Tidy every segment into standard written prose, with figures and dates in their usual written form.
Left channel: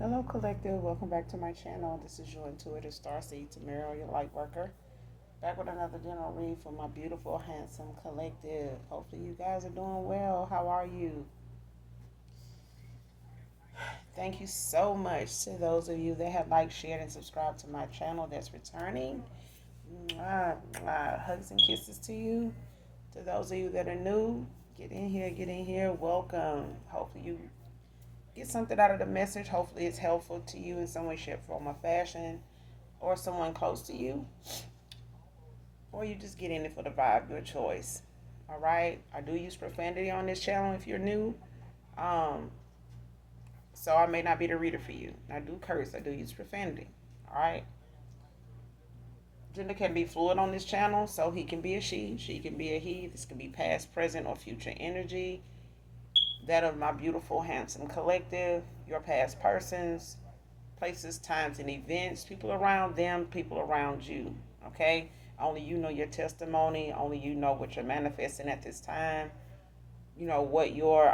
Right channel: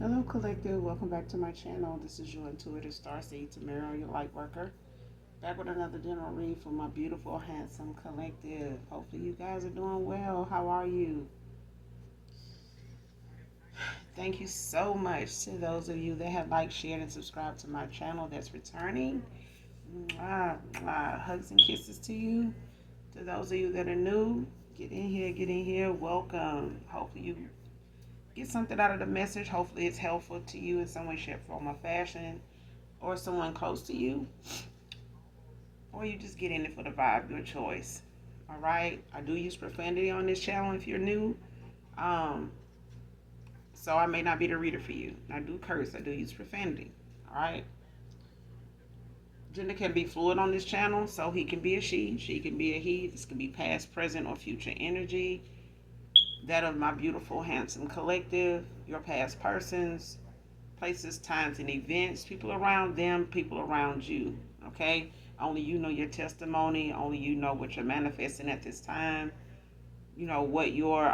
Hello, Collective. Welcome back to my channel. This is your intuitive starseed, Tamara, your light worker. Back with another general read for my beautiful, handsome collective. Hopefully, you guys are doing well. How are you? Thank you so much to those of you that have liked, shared, and subscribed to my channel that's returning. Mwah, mwah. Hugs and kisses to you. To those of you that are new, get in here, get in here. Welcome. Hopefully, you get something out of the message. Hopefully, it's helpful to you in some way, shape, form, or fashion, or someone close to you, or you just get in it for the vibe, your choice. All right. I do use profanity on this channel if you're new. Um, so I may not be the reader for you. I do curse. I do use profanity. All right. Gender can be fluid on this channel, so he can be a she can be a he. This can be past, present, or future energy. That of my beautiful, handsome collective, your past persons, places, times, and events, people around them, people around you. Okay? Only you know your testimony. Only you know what you're manifesting at this time. You know what your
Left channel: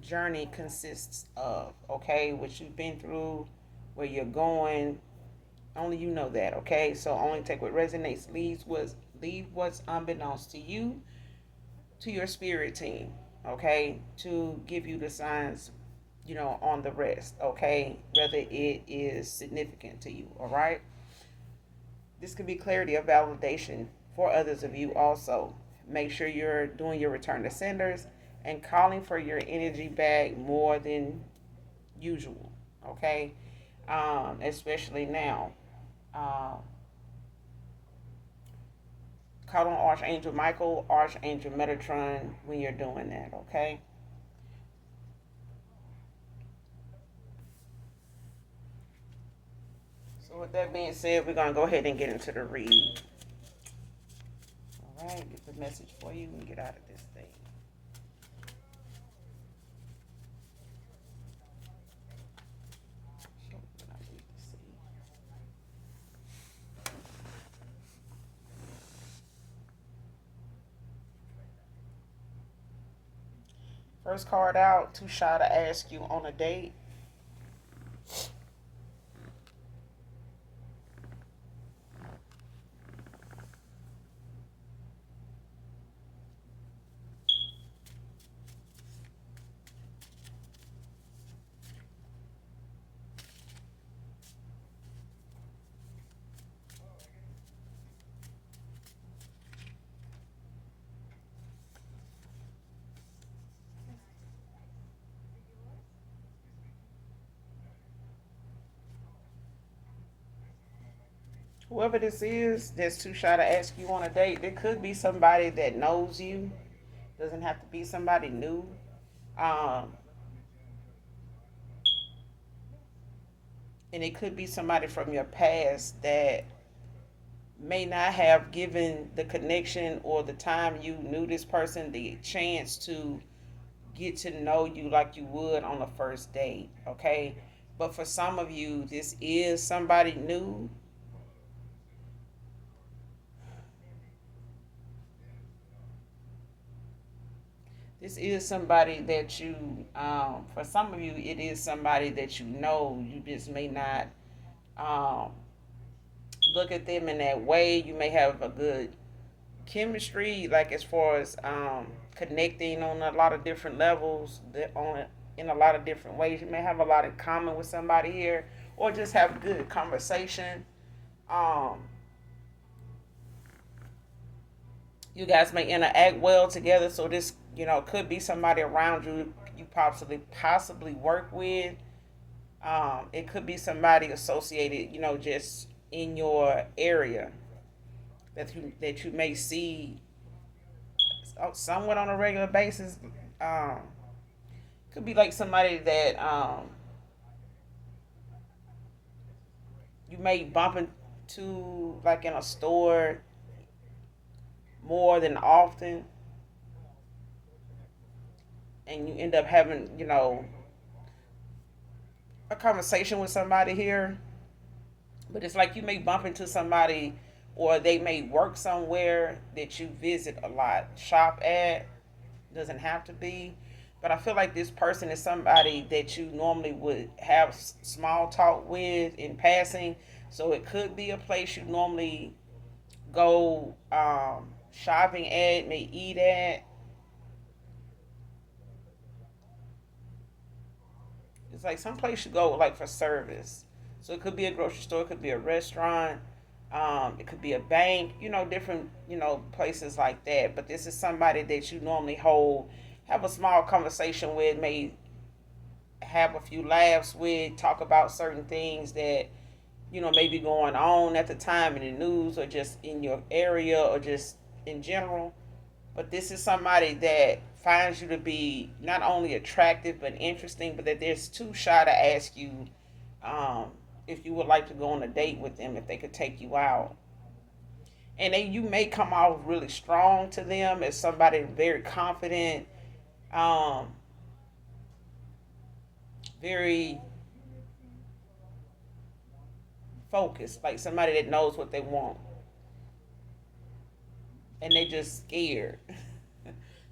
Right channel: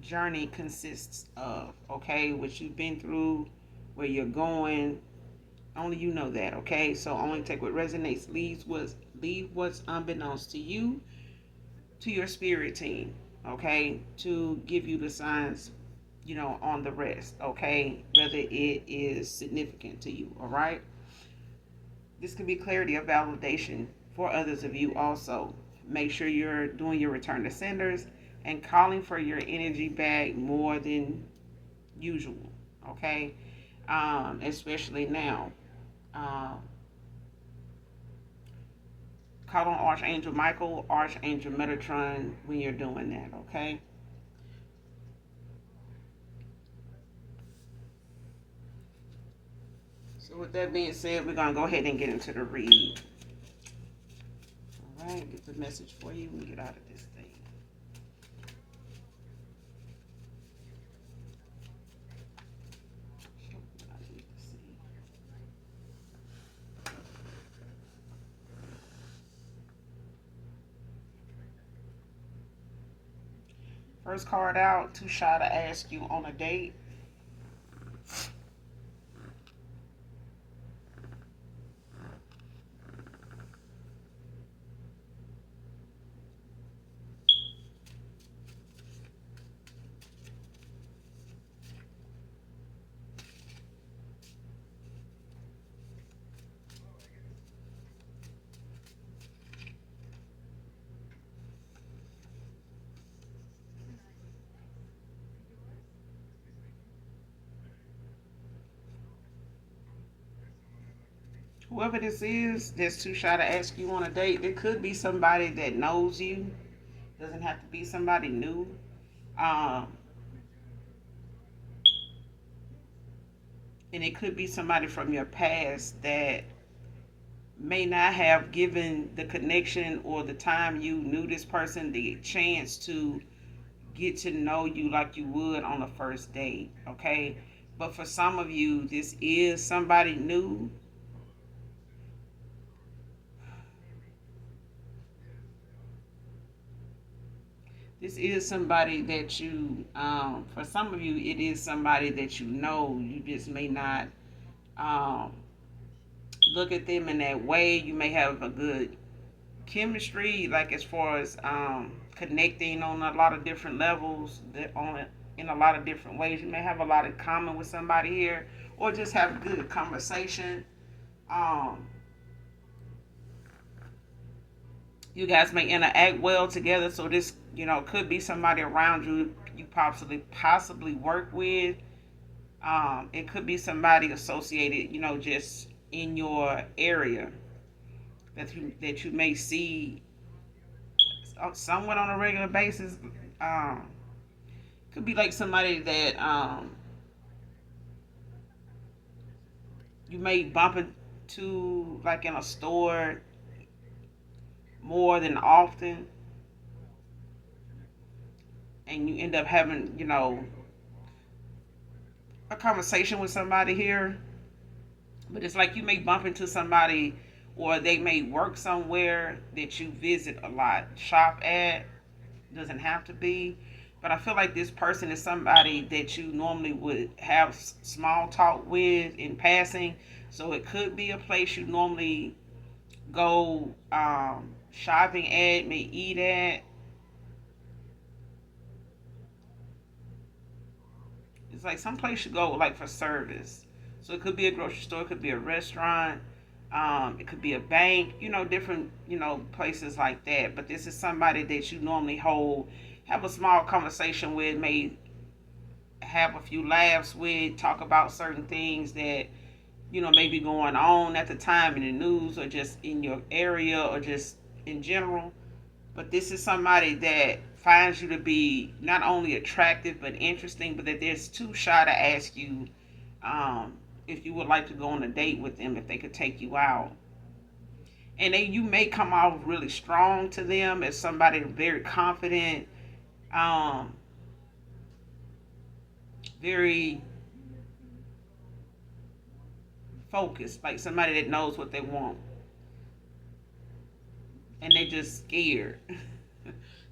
journey consists of. Okay? What you've been through, where you're going. Only you know that. Okay? So only take what resonates. Leave what's unbeknownst to you, to your spirit team. Okay? To give you the signs, on the rest, okay? Whether it is significant to you, all right? This could be clarity or validation for others of you also. Make sure you're doing your return to senders and calling for your energy back more than usual, okay? Especially now. Um, call on Archangel Michael, Archangel Metatron when you're doing that, okay? So with that being said, we're gonna go ahead and get into the read. All right, get the message for you and get out of this thing. First card out, too shy to ask you on a date. Whoever this is that's too shy to ask you on a date, it could be somebody that knows you. Doesn't have to be somebody new. Um, and it could be somebody from your past that may not have given the connection or the time you knew this person the chance to get to know you like you would on a first date, okay? But for some of you, this is somebody new. This is somebody that for some of you, it is somebody that you know. You just may not um, look at them in that way. You may have a good chemistry, like as far as connecting on a lot of different levels, in a lot of different ways. You may have a lot in common with somebody here, or just have good conversation. Um, you guys may interact well together. So this, could be somebody around you you possibly work with. It could be somebody associated, just in your area that you may see somewhat on a regular basis. Um, could be like somebody that you may bump into, like in a store more than often, and you end up having, a conversation with somebody here. But it's like you may bump into somebody, or they may work somewhere that you visit a lot, shop at. Doesn't have to be. But I feel like this person is somebody that you normally would have small talk with in passing. So it could be a place you normally go shopping at, may eat at. It's like some place you go like for service. So it could be a grocery store, it could be a restaurant, it could be a bank, different, places like that. But this is somebody that you normally have a small conversation with, may have a few laughs with, talk about certain things that, may be going on at the time in the news or just in your area or just in general. But this is somebody that finds you to be not only attractive but interesting, but that they're too shy to ask you um, if you would like to go on a date with them, if they could take you out. And then you may come off really strong to them as somebody very confident, um, very focused, like somebody that knows what they want, and they just scared.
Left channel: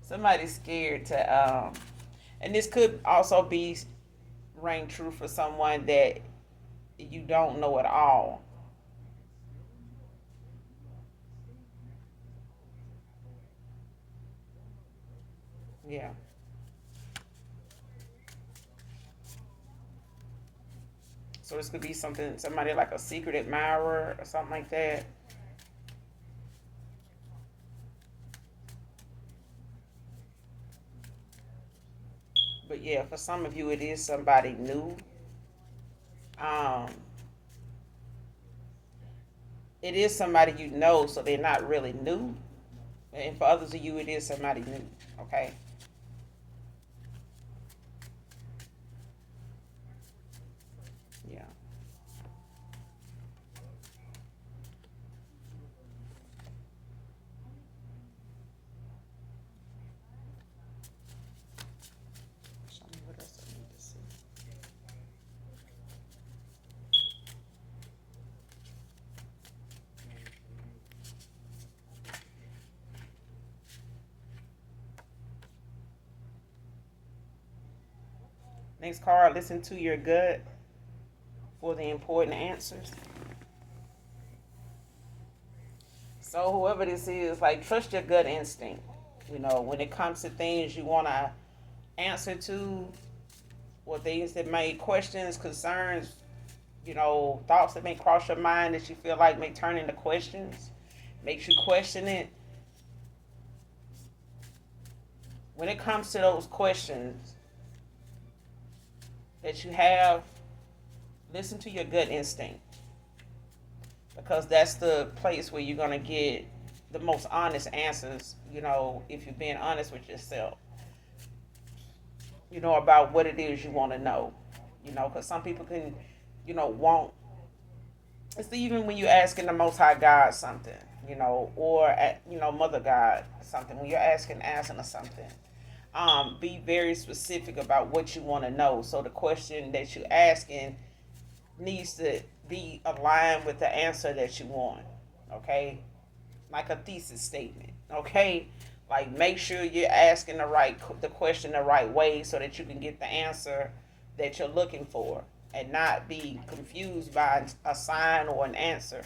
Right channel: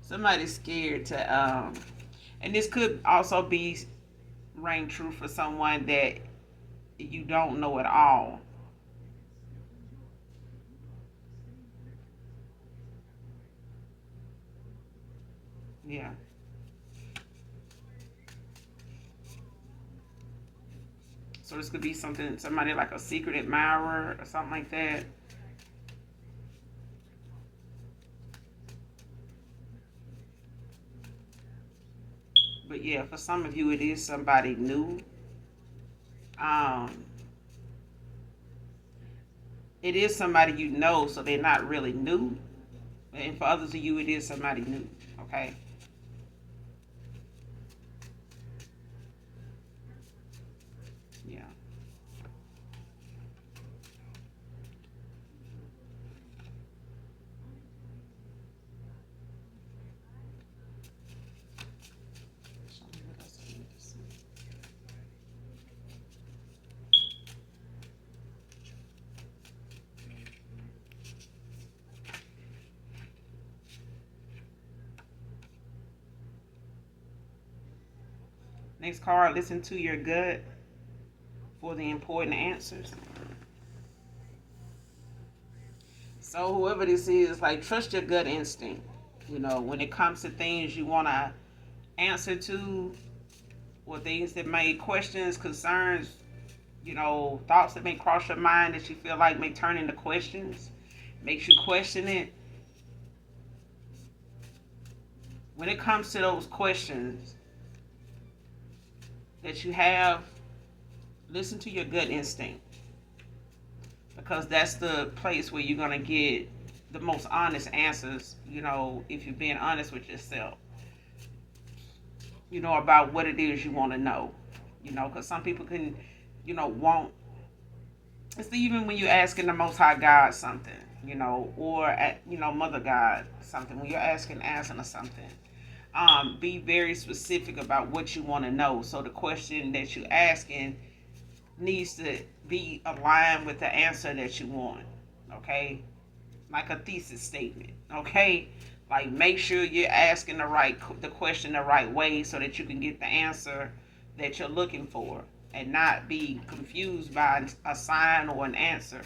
Somebody's scared and this could also be ring true for someone that you don't know at all. Yeah. So this could be somebody like a secret admirer or something like that. But yeah, for some of you, it is somebody new. Um, it is somebody you know, so they're not really new. And for others of you, it is somebody new. Okay. Yeah. What else I need to see? Next card. Listen to your gut for the important answers. So whoever this is, like, trust your gut instinct. When it comes to things you want to answer to, or things that may questions, concerns, thoughts that may cross your mind that you feel like may turn into questions, makes you question it. When it comes to those questions that you have, listen to your gut instinct, because that's the place where you're going to get the most honest answers, if you're being honest with yourself, about what it is you want to know, because some people can, want, it's even when you're asking the Most High God something, or, Mother God something, when you're asking or something, be very specific about what you want to know. So the question that you're asking needs to be aligned with the answer that you want. Okay, like a thesis statement. Okay, like make sure you're asking the question the right way so that you can get the answer that you're looking for, and not be confused by a sign or an answer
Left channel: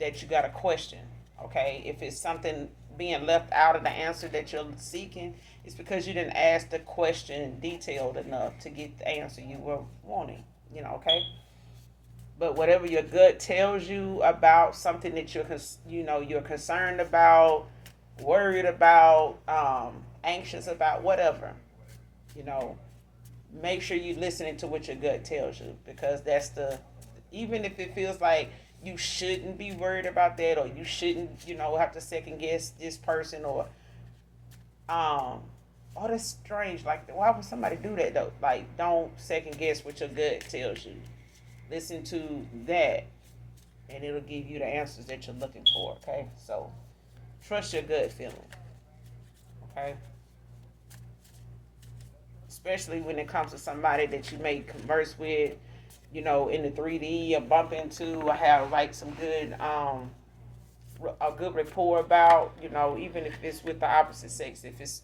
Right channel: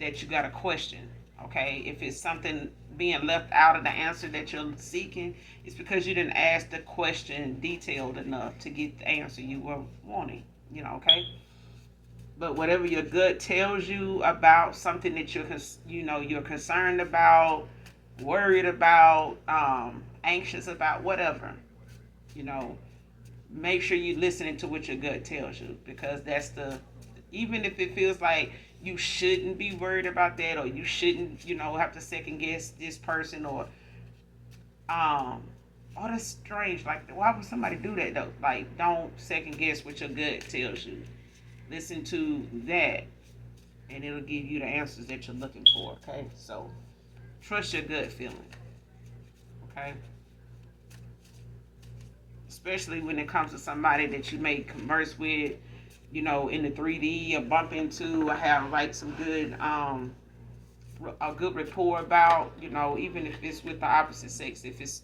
that you got a question. Okay, if it's something being left out of the answer that you're seeking, it's because you didn't ask the question detailed enough to get the answer you were wanting. Okay. But whatever your gut tells you about something that you're concerned about, worried about, anxious about, whatever, you know, make sure you're listening to what your gut tells you, because that's even if it feels like you shouldn't be worried about that, or you shouldn't, have to second guess this person, or um oh, that's strange. Like, why would somebody do that though? Like, don't second guess what your gut tells you. Listen to that, and it'll give you the answers that you're looking for. Okay, so trust your gut feeling. Okay, especially when it comes to somebody that you may converse with, in the 3D, or bump into, or have like some good a good rapport about, even if it's with the opposite sex, if it's,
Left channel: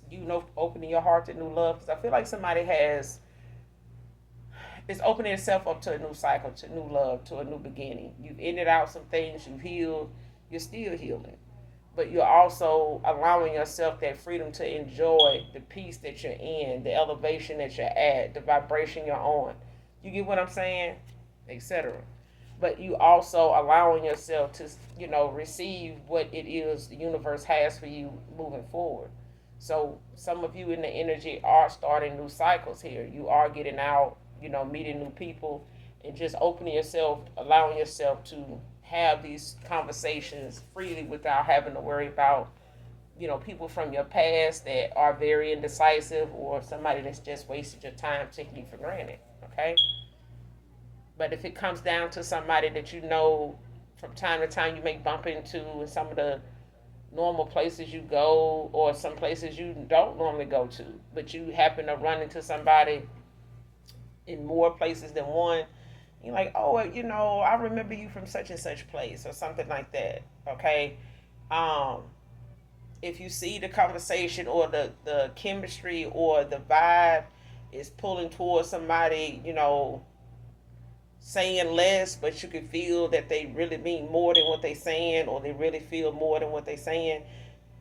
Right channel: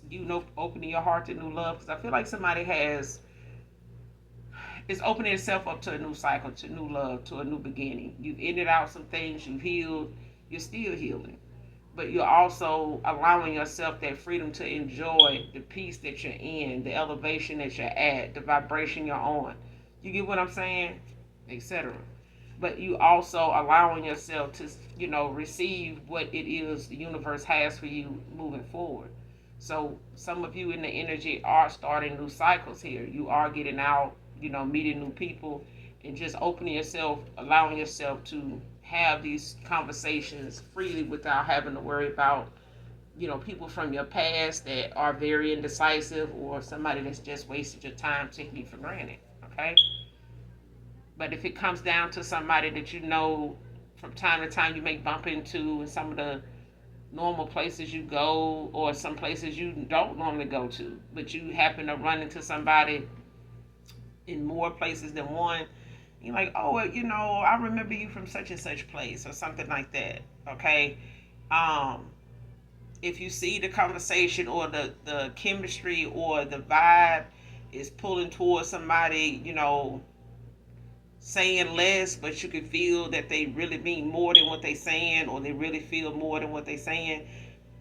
opening your heart to new love. Because I feel like somebody is opening itself up to a new cycle, to new love, to a new beginning. You've ended out some things, you've healed, you're still healing. But you're also allowing yourself that freedom to enjoy the peace that you're in, the elevation that you're at, the vibration you're on. You get what I'm saying? Etc. But you also allowing yourself to, receive what it is the universe has for you moving forward. So some of you in the energy are starting new cycles here. You are getting out, meeting new people, and just opening yourself, allowing yourself to have these conversations freely without having to worry about, people from your past that are very indecisive, or somebody that's just wasted your time taking you for granted. Okay? But if it comes down to somebody that from time to time you may bump into in some of the normal places you go, or some places you don't normally go to, but you happen to run into somebody in more places than one, you're like, oh, I remember you from such and such place, or something like that. Okay. um if you see the conversation, or the chemistry, or the vibe is pulling towards somebody, saying less, but you can feel that they really mean more than what they saying, or they really feel more than what they saying,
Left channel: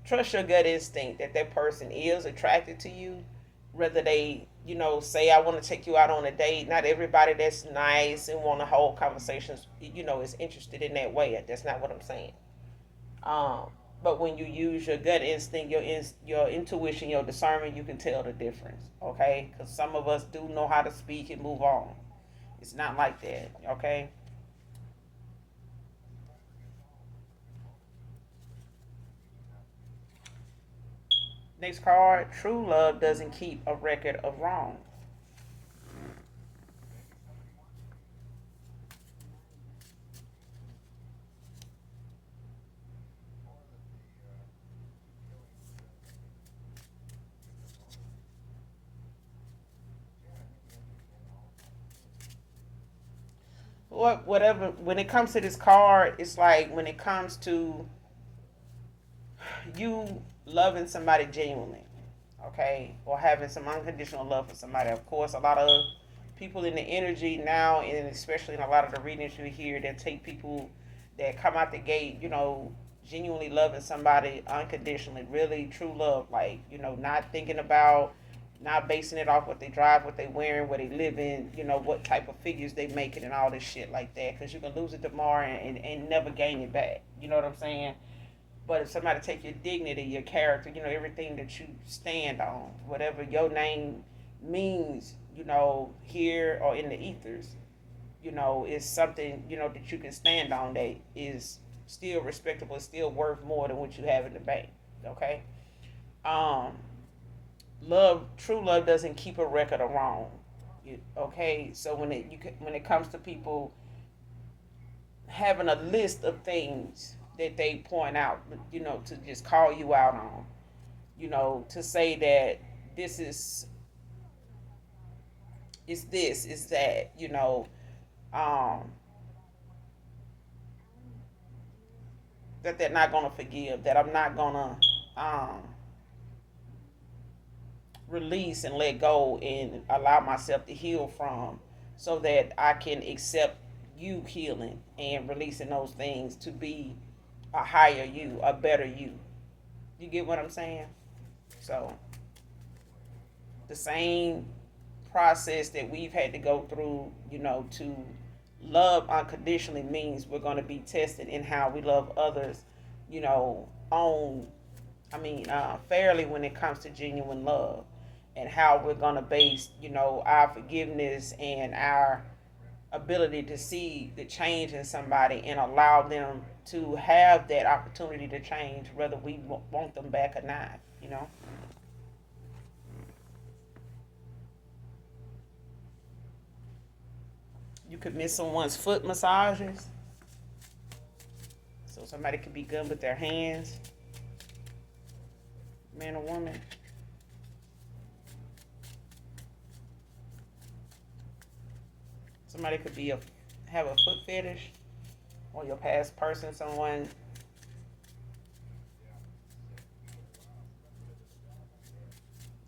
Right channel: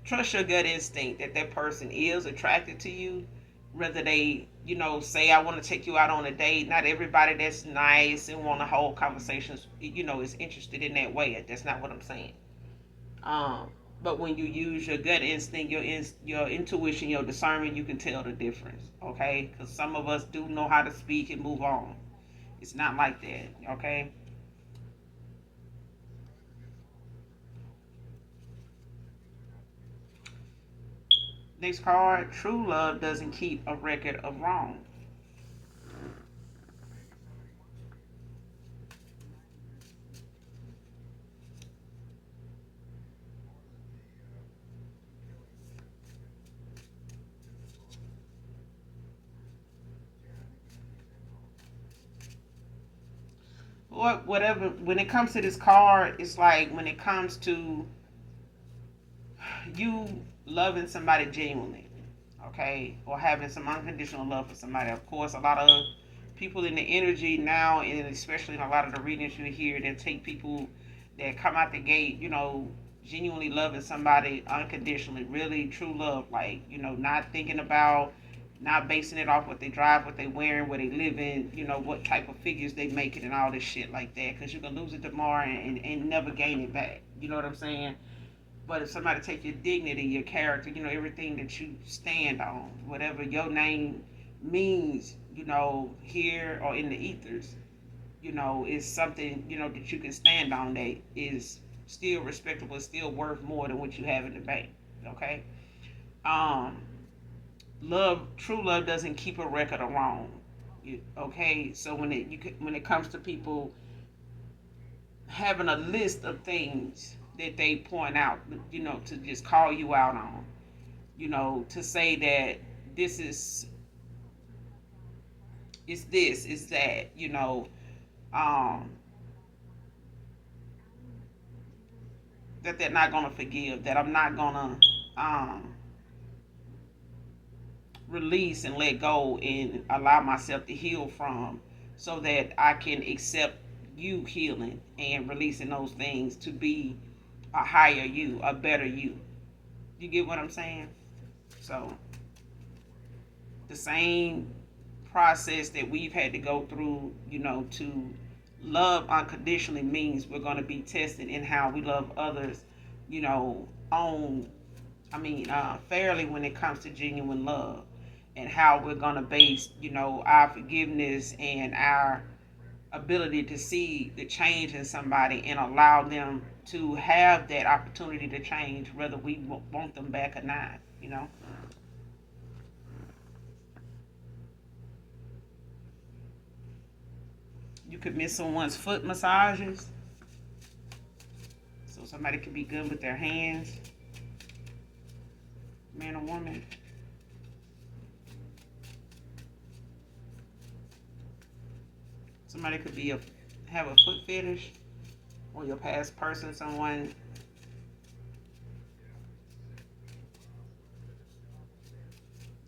trust your gut instinct that that person is attracted to you. Whether they, say, I want to take you out on a date. Not everybody that's nice and want to hold conversations, is interested in that way. That's not what I'm saying. Um, but when you use your gut instinct, your intuition, your discernment, you can tell the difference. Okay, because some of us do know how to speak and move on. It's not like that. Okay. Next card. True love doesn't keep a record of wrong. Whatever. When it comes to this card, it's like when it comes to you loving somebody genuinely, okay, or having some unconditional love for somebody. Of course, a lot of people in the energy now, and especially in a lot of the readings you hear, that take people that come out the gate, genuinely loving somebody unconditionally, really true love, like, not thinking about, not basing it off what they drive, what they wearing, where they live in, what type of figures they making, and all this shit like that, because you can lose it tomorrow and never gain it back. You know what I'm saying? But if somebody take your dignity, your character, everything that you stand on, whatever your name means, here or in the ethers, is something, that you can stand on, that is still respectable, still worth more than what you have in the bank. Okay. Um, true love doesn't keep a record of wrong. Okay. So when it comes to people having a list of things that they point out, to just call you out on, to say that this is this, is that, um, that they're not gonna forgive, that I'm not gonna release and let go and allow myself to heal from, so that I can accept you healing and releasing those things to be a higher you, a better you. You get what I'm saying? So the same process that we've had to go through, to love unconditionally, means we're going to be tested in how we love others, on, fairly, when it comes to genuine love, and how we're going to base, our forgiveness and our ability to see the change in somebody and allow them to have that opportunity to change, whether we want them back or not. You could miss someone's foot massages, so somebody could be good with their hands, man or woman. Somebody could have a foot fetish, or your past person, someone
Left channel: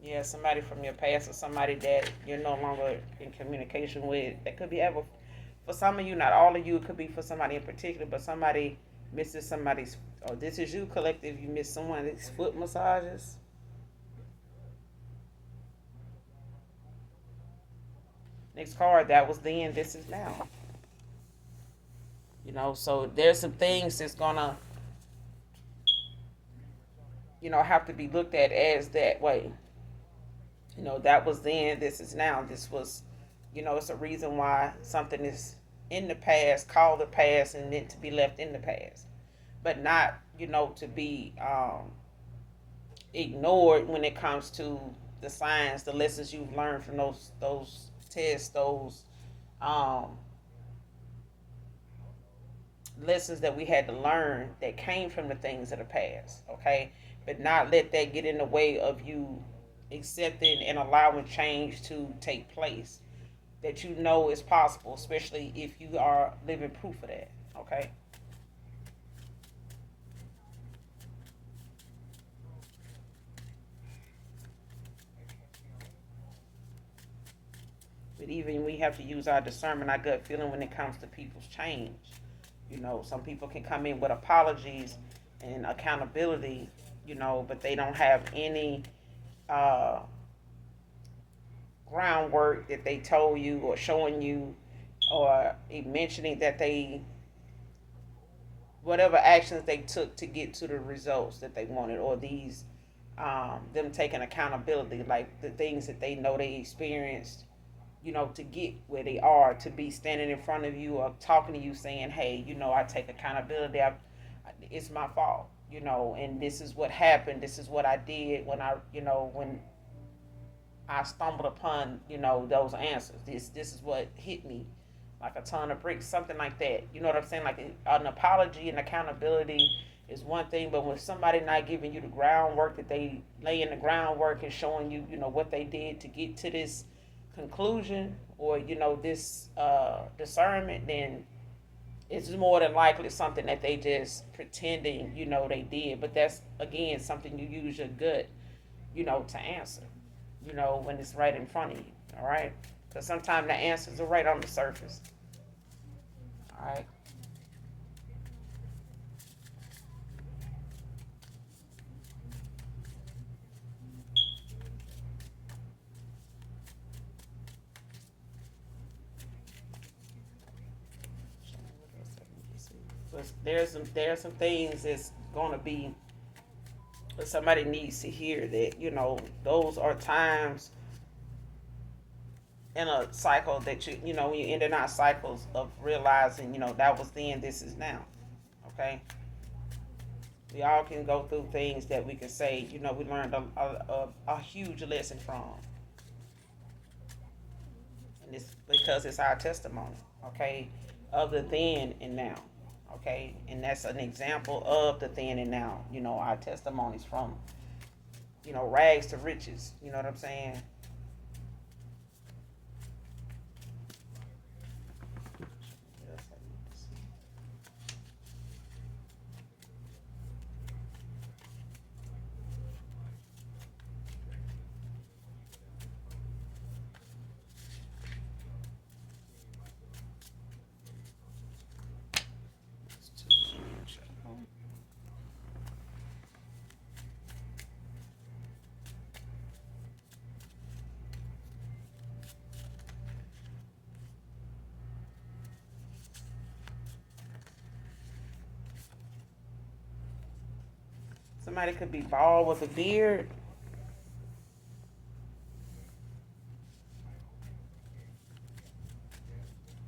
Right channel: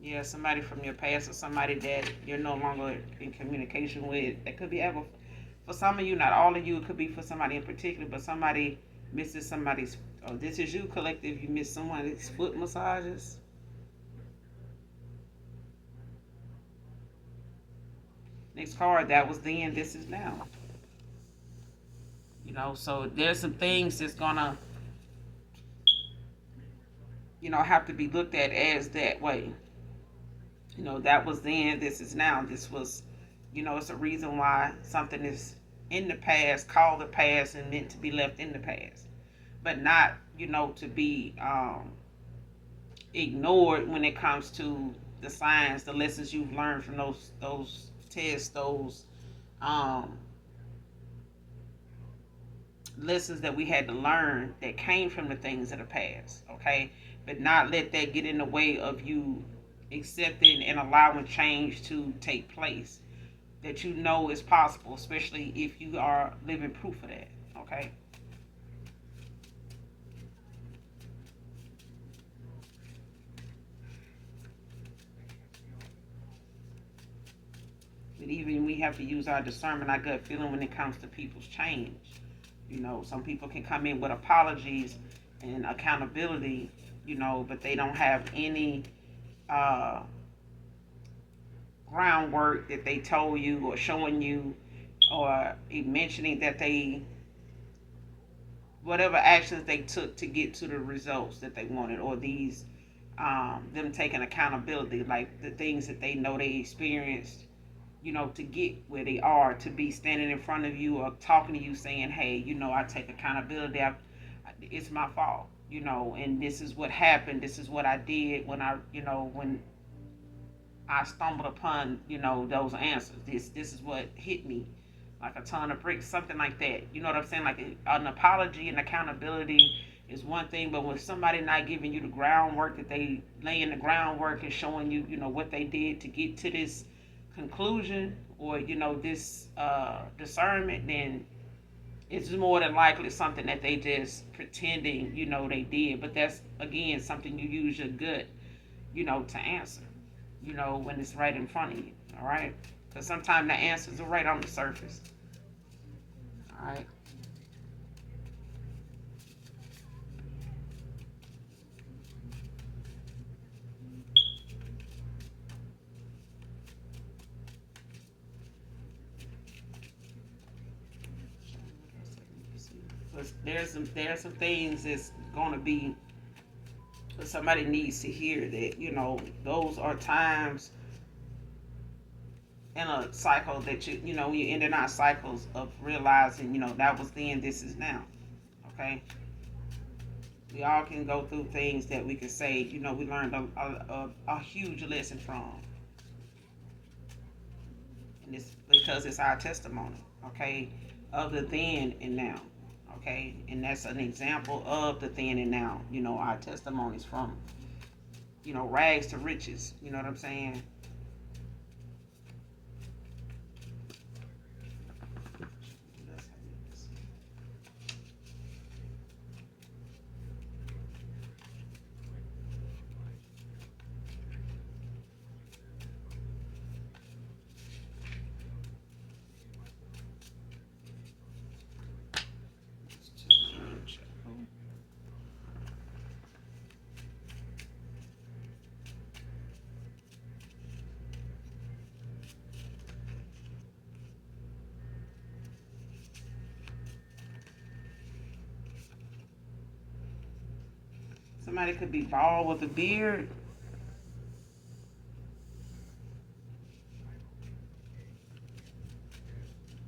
Yeah, somebody from your past or somebody that you're no longer in communication with. That could be ever for some of you, not all of you. It could be for somebody in particular, but somebody misses somebody's. Oh, this is you, collective. You miss someone's foot massages. Next card, that was then. This is now. So there's some things that's gonna, have to be looked at as that way. That was then. This is now. This was, it's a reason why something is in the past, called the past, and meant to be left in the past, but not, to be ignored when it comes to the science, the lessons you've learned from those tests, those um, lessons that we had to learn that came from the things of the past. Okay, but not let that get in the way of you accepting and allowing change to take place. That is possible, especially if you are living proof of that. Okay. But even we have to use our discernment, our gut feeling when it comes to people's change. Some people can come in with apologies and accountability, but they don't have any uh, groundwork that they told you or showing you or mentioning that they, whatever actions they took to get to the results that they wanted, or these, them taking accountability, like the things that they know they experienced, to get where they are, to be standing in front of you or talking to you saying, hey, I take accountability. It's my fault, and this is what happened. This is what I did when I stumbled upon, those answers. This is what hit me like a ton of bricks, something like that. You know what I'm saying? Like an apology and accountability is one thing, but when somebody not giving you the groundwork, that they lay in the groundwork and showing you, what they did to get to this conclusion, or this discernment, then it's more than likely something that they just pretending, they did. But that's again something you use your gut, to answer, when it's right in front of you. All right, because sometimes the answers are right on the surface. All right. But there's some things that's gonna be, somebody needs to hear that, those are times in a cycle that when you end in our cycles of realizing, that was then, this is now. Okay. We all can go through things that we can say, we learned a huge lesson from, and it's because it's our testimony. Okay, of the then and now. Okay, and that's an example of the then and now. Our testimonies from, rags to riches. You know what I'm saying? Somebody could be bald with a beard.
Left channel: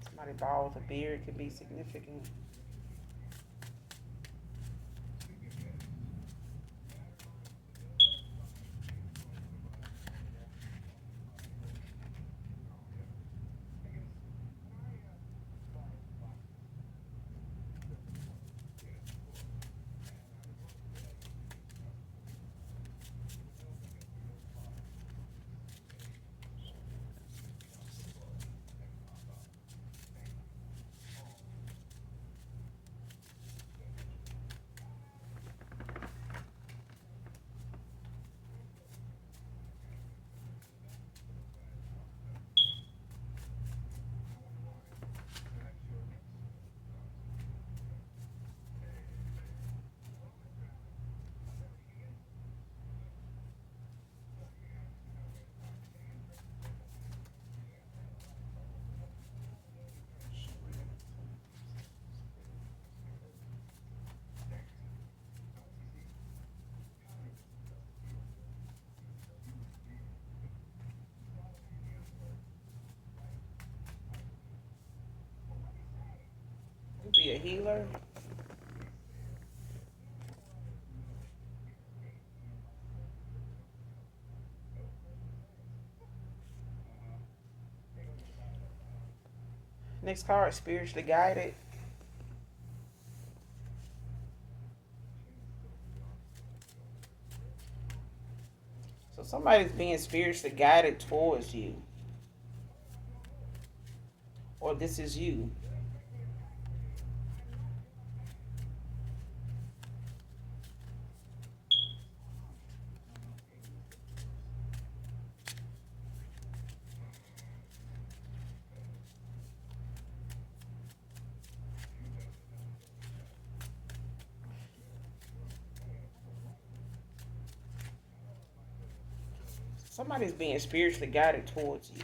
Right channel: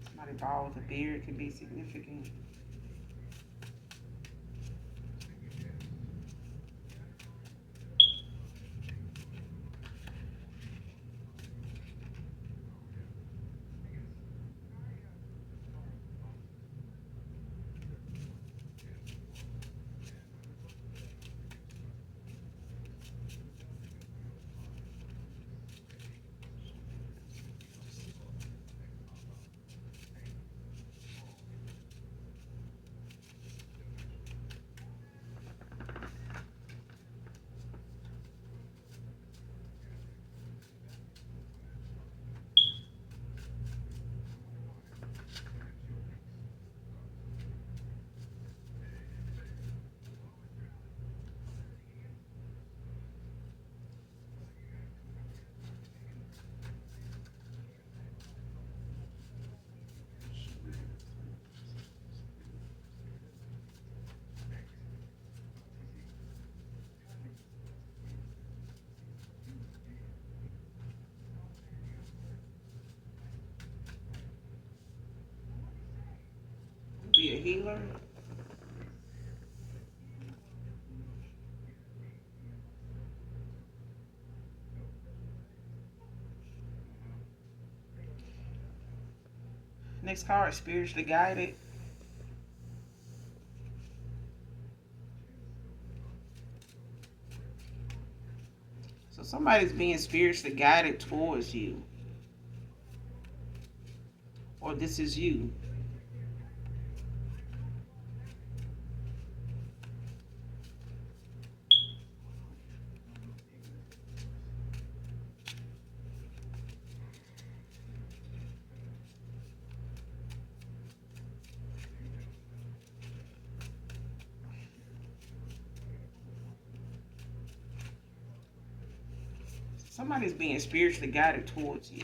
Somebody bald with a beard could be significant. healer. Next card, spiritually guided. So somebody's being spiritually guided towards you, or this is you. Somebody's being spiritually guided towards you.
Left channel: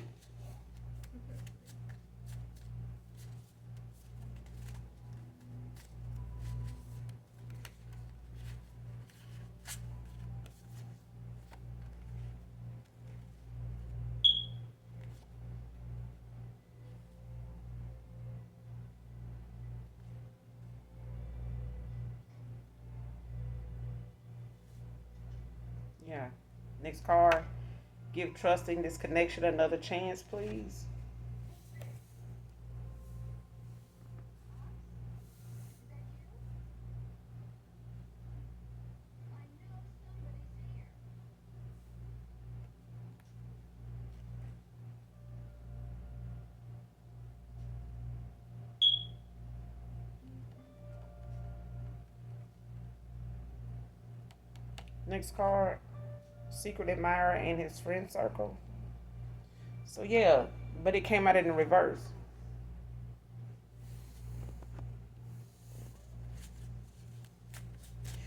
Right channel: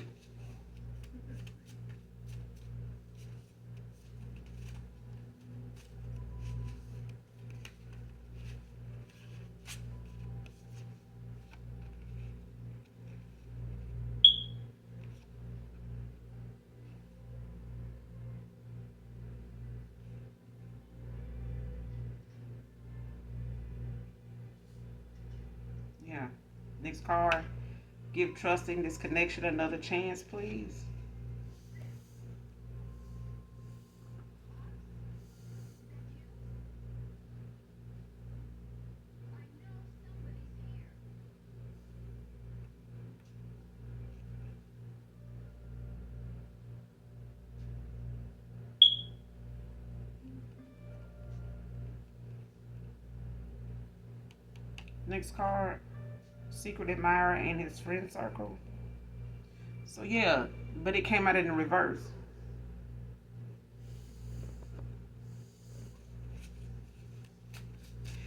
Yeah. Next card, give trusting this connection another chance, please. Next card, secret admirer and his friend circle. So yeah, but it came out in the reverse.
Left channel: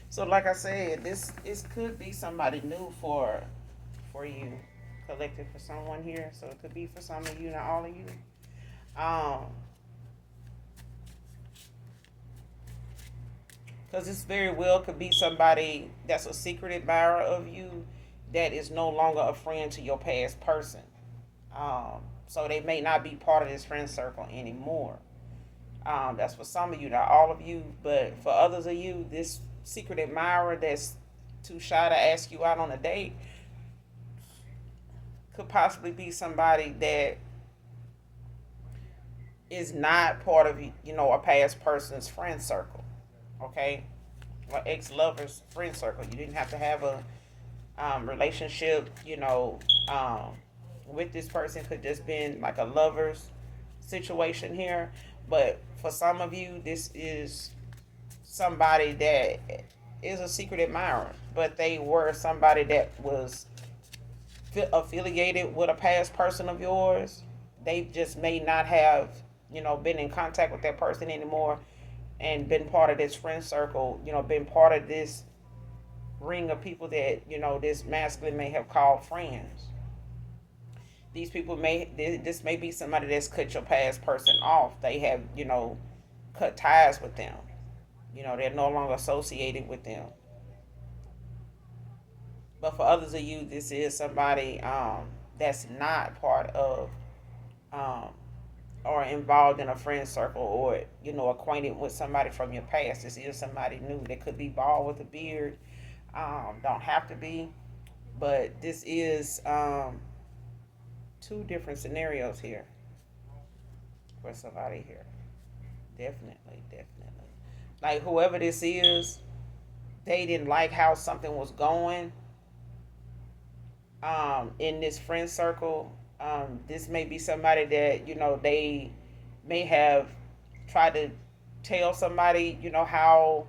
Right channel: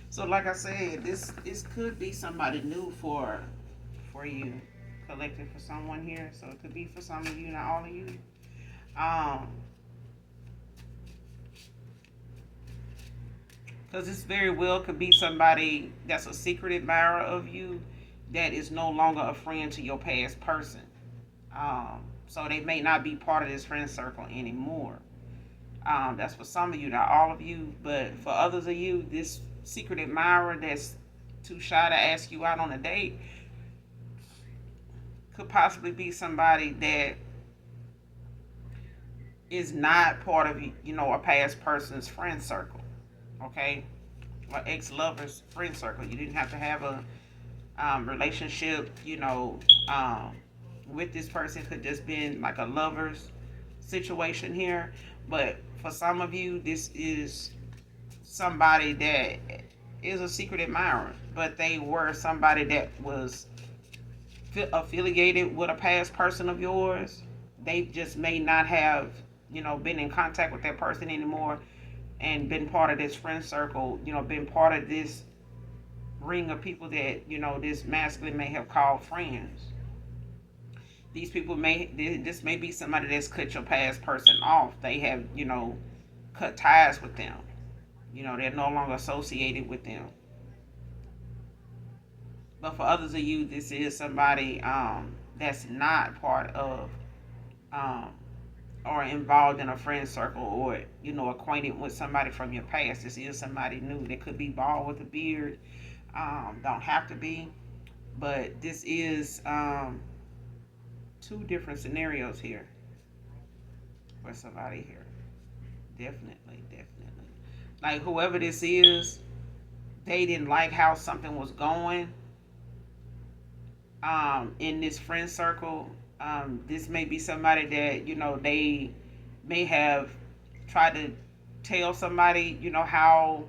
So like I said, this could be somebody new for you, collected for someone here. So it could be for some of you, not all of you. Um, because this very well could be somebody that's a secret admirer of you that is no longer a friend to your past person. So they may not be part of this friend circle anymore. That's for some of you, not all of you, but for others of you, this secret admirer that's too shy to ask you out on a date could possibly be somebody that is not part of a past person's friend circle. Okay, or ex-lover's friend circle. You didn't have to have a relationship, with this person. Could just been like a lover's situation here. But for some of you, this is somebody that is a secret admirer, but they were somebody that was affiliated with a past person of yours. They just may not have, been in contact with that person anymore and been part of this friend circle, been part of this ring of people that, this masculine may have called friends. These people this may be somebody that's cut your past person off. They have, cut ties with them. They're no longer associated with them. But for others of you, this is somebody that's not part of um, or involved in a friend circle, or acquainted with somebody from your past. This is somebody new. They could be bald with a beard. Don't have to be, but this is two different scenarios here for somebody here. Definitely, definitely. Like whoever this is, they didn't like how something was going in this friend circle. This may be somebody that they may have tried to tell somebody how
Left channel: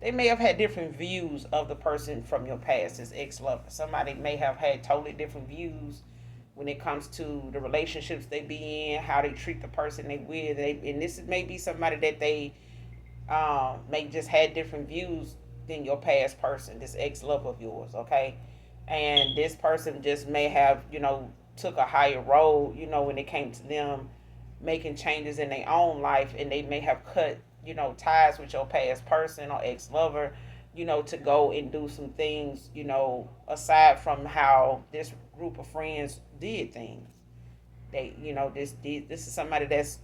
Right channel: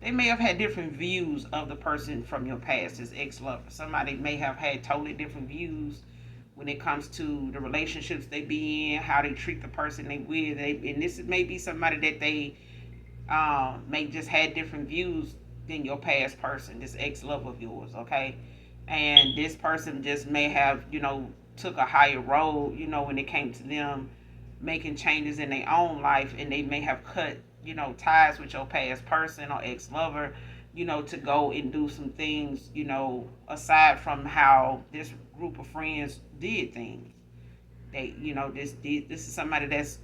they may have had different views of the person from your past, this ex-lover. Somebody may have had totally different views when it comes to the relationships they be in, how they treat the person they with. And this may be somebody that they may just had different views than your past person, this ex-love of yours, okay? And this person just may have, took a higher road, when it came to them making changes in their own life, and they may have cut, ties with your past person or ex-lover, to go and do some things, aside from how this group of friends did things. This is somebody that's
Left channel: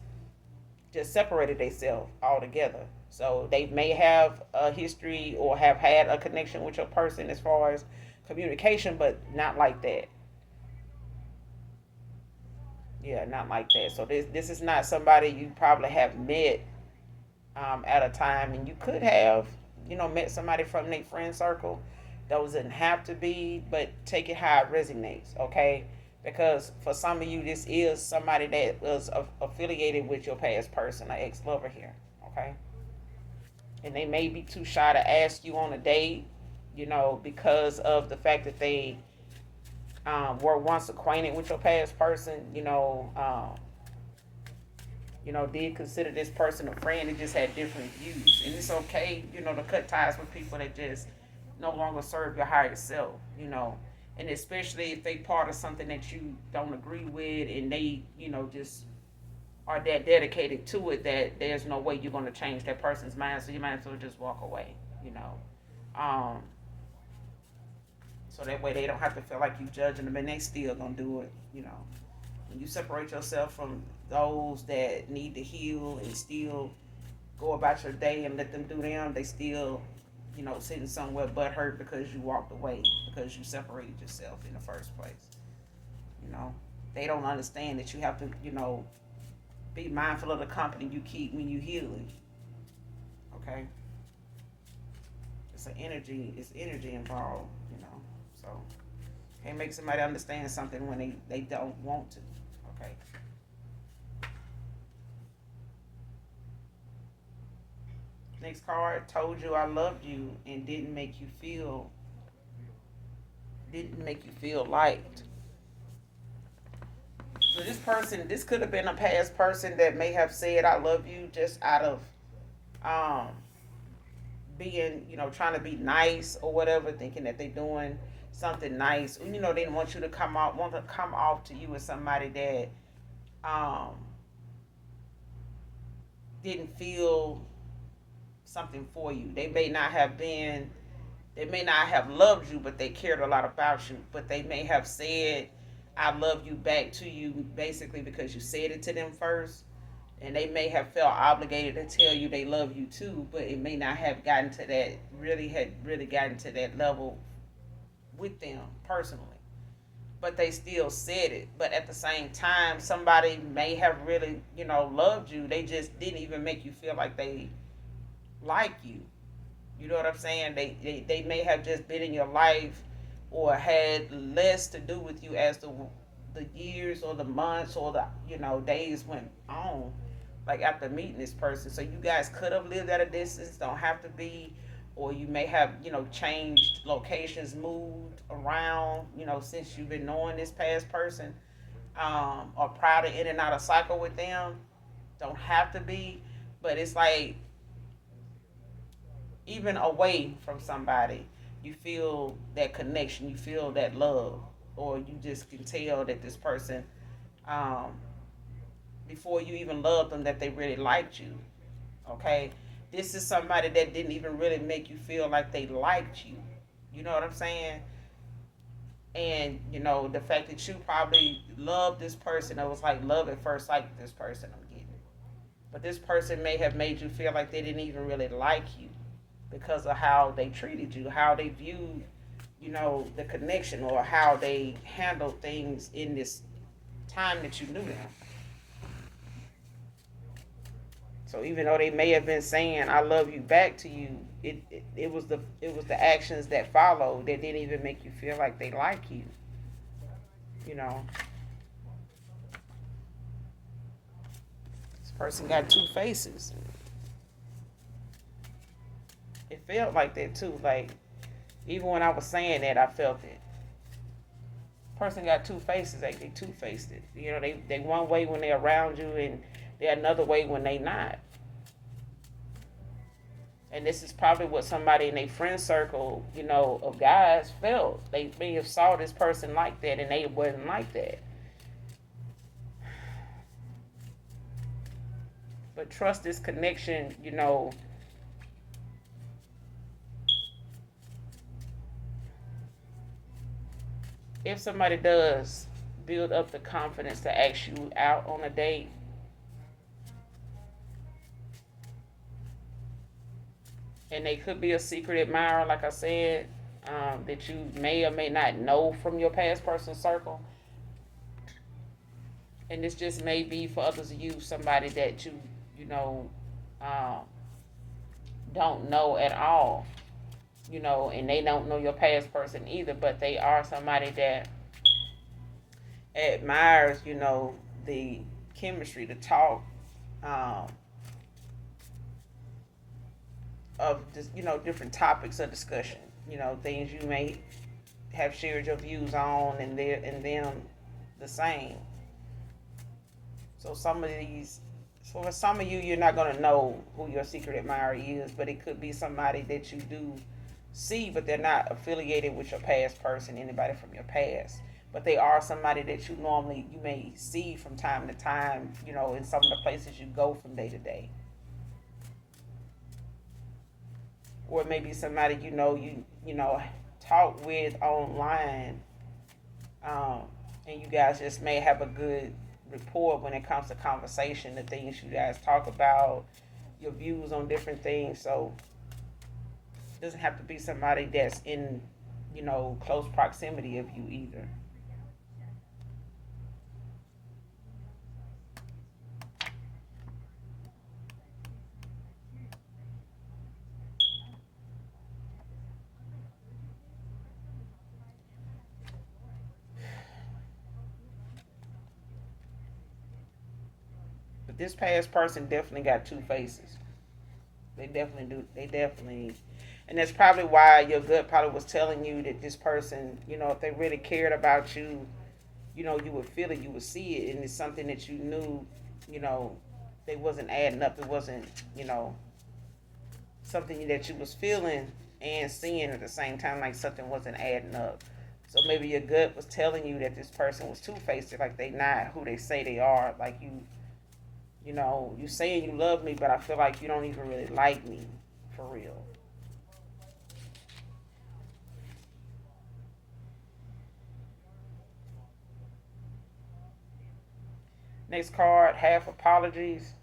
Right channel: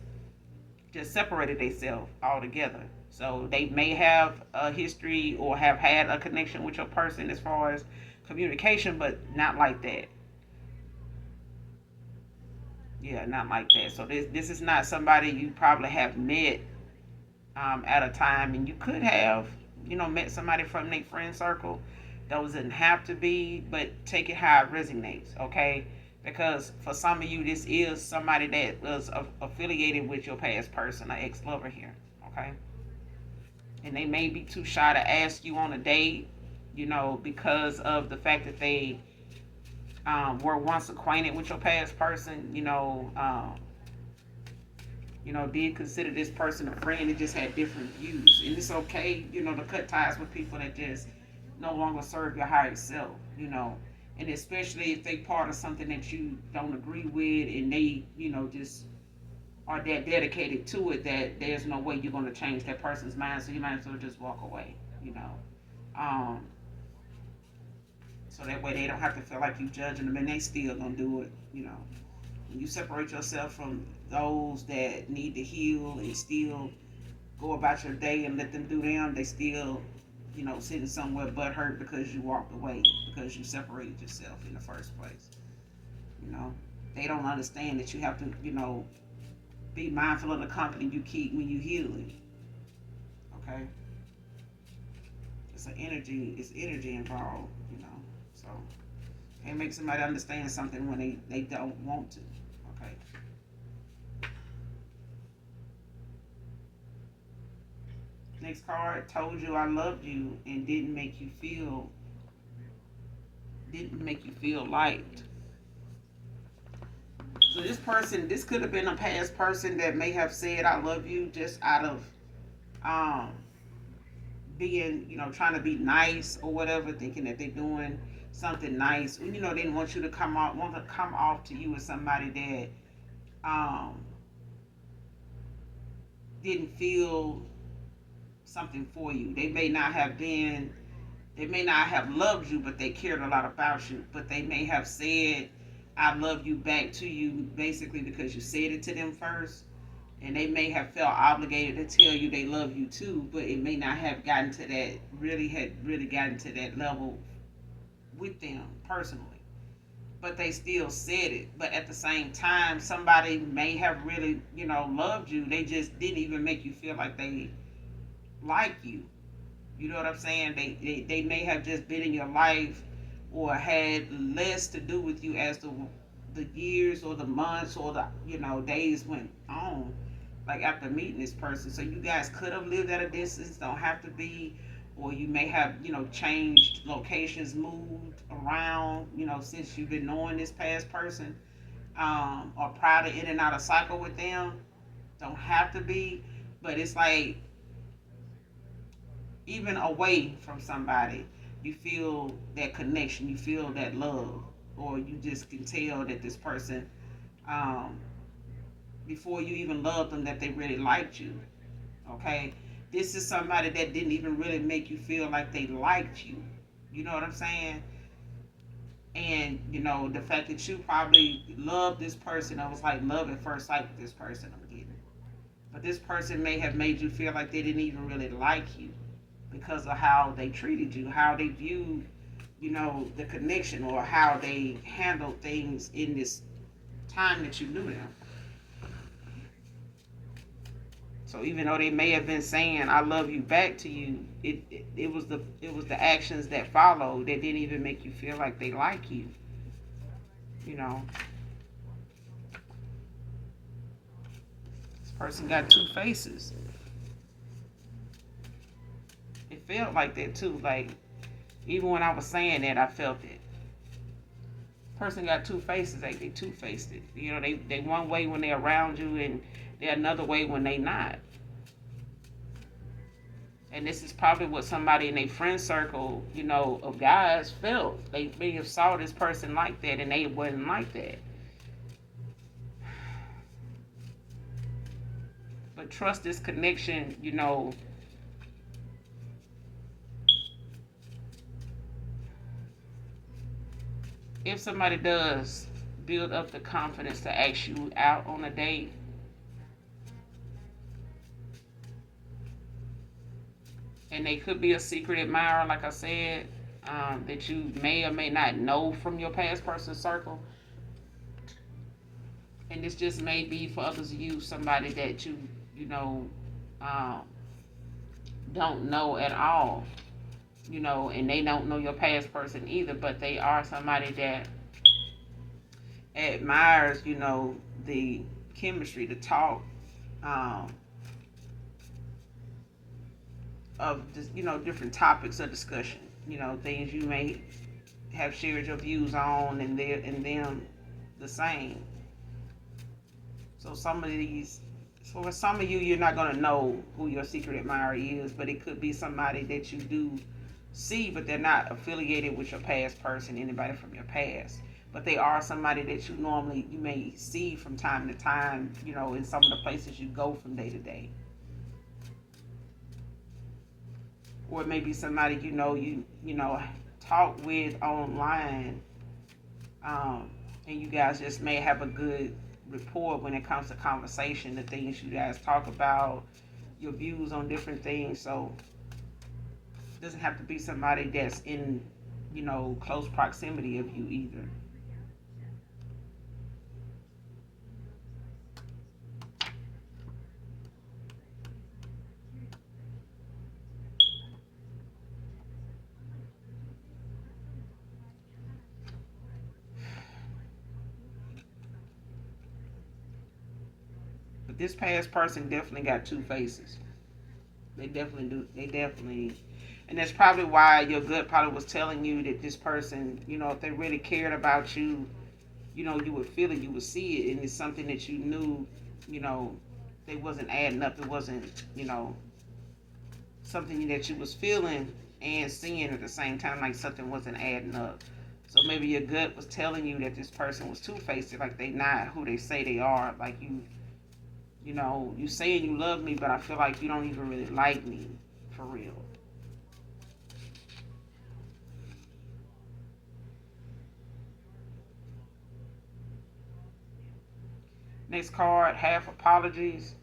just separated themselves altogether. So they may have a history or have had a connection with your person as far as communication, but not like that. Yeah, not like that. So this is not somebody you probably have met at a time, and you could have, met somebody from their friend circle. Doesn't have to be, but take it how it resonates, okay? Because for some of you, this is somebody that was affiliated with your past person, an ex-lover here, okay? And they may be too shy to ask you on a date, because of the fact that they were once acquainted with your past person, did consider this person a friend and just had different views. And it's okay, to cut ties with people that just no longer serve your higher self, And especially if they part of something that you don't agree with and they, just are that dedicated to it that there's no way you're going to change that person's mind. So you might as well just walk away, Um, so that way they don't have to feel like you judging them and they still going to do it. When you separate yourself from those that need to heal and still go about your day and let them do them, they still, sitting somewhere butt hurt because you walked away, because you separated yourself in the first place. You know, they don't understand that you have to, be mindful of the company you keep when you healing. Okay, it's energy involved. So can't make somebody understand something when they don't want to. Okay. Next card, told you I loved you and didn't make you feel liked. So this could have been a past person that may have said I love you just out of um being, trying to be nice or whatever, thinking that they're doing something nice. They didn't want you to want to come off to you as somebody that um didn't feel something for you. They may not have loved you, but they cared a lot about you. But they may have said, I love you back to you basically because you said it to them first. And they may have felt obligated to tell you they love you too, but it may not have gotten to that, really gotten to that level with them personally. But they still said it. But at the same time, somebody may have really, loved you. They just didn't even make you feel like they like you. You know what I'm saying? They may have just been in your life or had less to do with you as the years or the months or the days went on. Like after meeting this person, so you guys could have lived at a distance. Don't have to be, or you may have changed locations, moved around. Since you've been knowing this past person, or prior to in and out of cycle with them. Don't have to be, but it's like even away from somebody, you feel that connection, you feel that love, or you just can tell that this person, um, before you even loved them, that they really liked you. Okay, this is somebody that didn't even really make you feel like they liked you. You know what I'm saying? And the fact that you probably loved this person, it was like love at first sight with this person. I'm getting, but this person may have made you feel like they didn't even really like you because of how they treated you, how they viewed, the connection, or how they handled things in this time that you knew them. So even though they may have been saying "I love you" back to you, it was the actions that followed that didn't even make you feel like they like you. You know, this person got two faces. It felt like that too. Like even when I was saying that, I felt it. Person got two faces. They two faced it. They one way when they're around you, and they're another way when they not. And this is probably what somebody in a friend circle, of guys felt. They may have saw this person like that, and they wasn't like that. But trust this connection, if somebody does build up the confidence to ask you out on a date, And they could be a secret admirer, like I said, that you may or may not know from your past person circle. And this just may be for others of you, somebody that you know, um, don't know at all, and they don't know your past person either, but they are somebody that admires, the chemistry, the talk, um, of just, different topics of discussion, things you may have shared your views on, and them the same. So some of these, so for some of you, you're not gonna know who your secret admirer is, but it could be somebody that you do see, but they're not affiliated with your past person, anybody from your past. But they are somebody that you may see from time to time, in some of the places you go from day to day. Or maybe somebody talk with online, um, and you guys just may have a good rapport when it comes to conversation, the things you guys talk about, your views on different things. So it doesn't have to be somebody that's in close proximity of you either. But this past person definitely got two faces. They definitely do. They definitely, and that's probably why your gut probably was telling you that this person, if they really cared about you, you would feel it, you would see it, and it's something that you knew, you know, they wasn't adding up. It wasn't, something that you was feeling and seeing at the same time, like something wasn't adding up. So maybe your gut was telling you that this person was two faced, like they not who they say they are. Like you saying you love me, but I feel like you don't even really like me for real. Next card, half apologies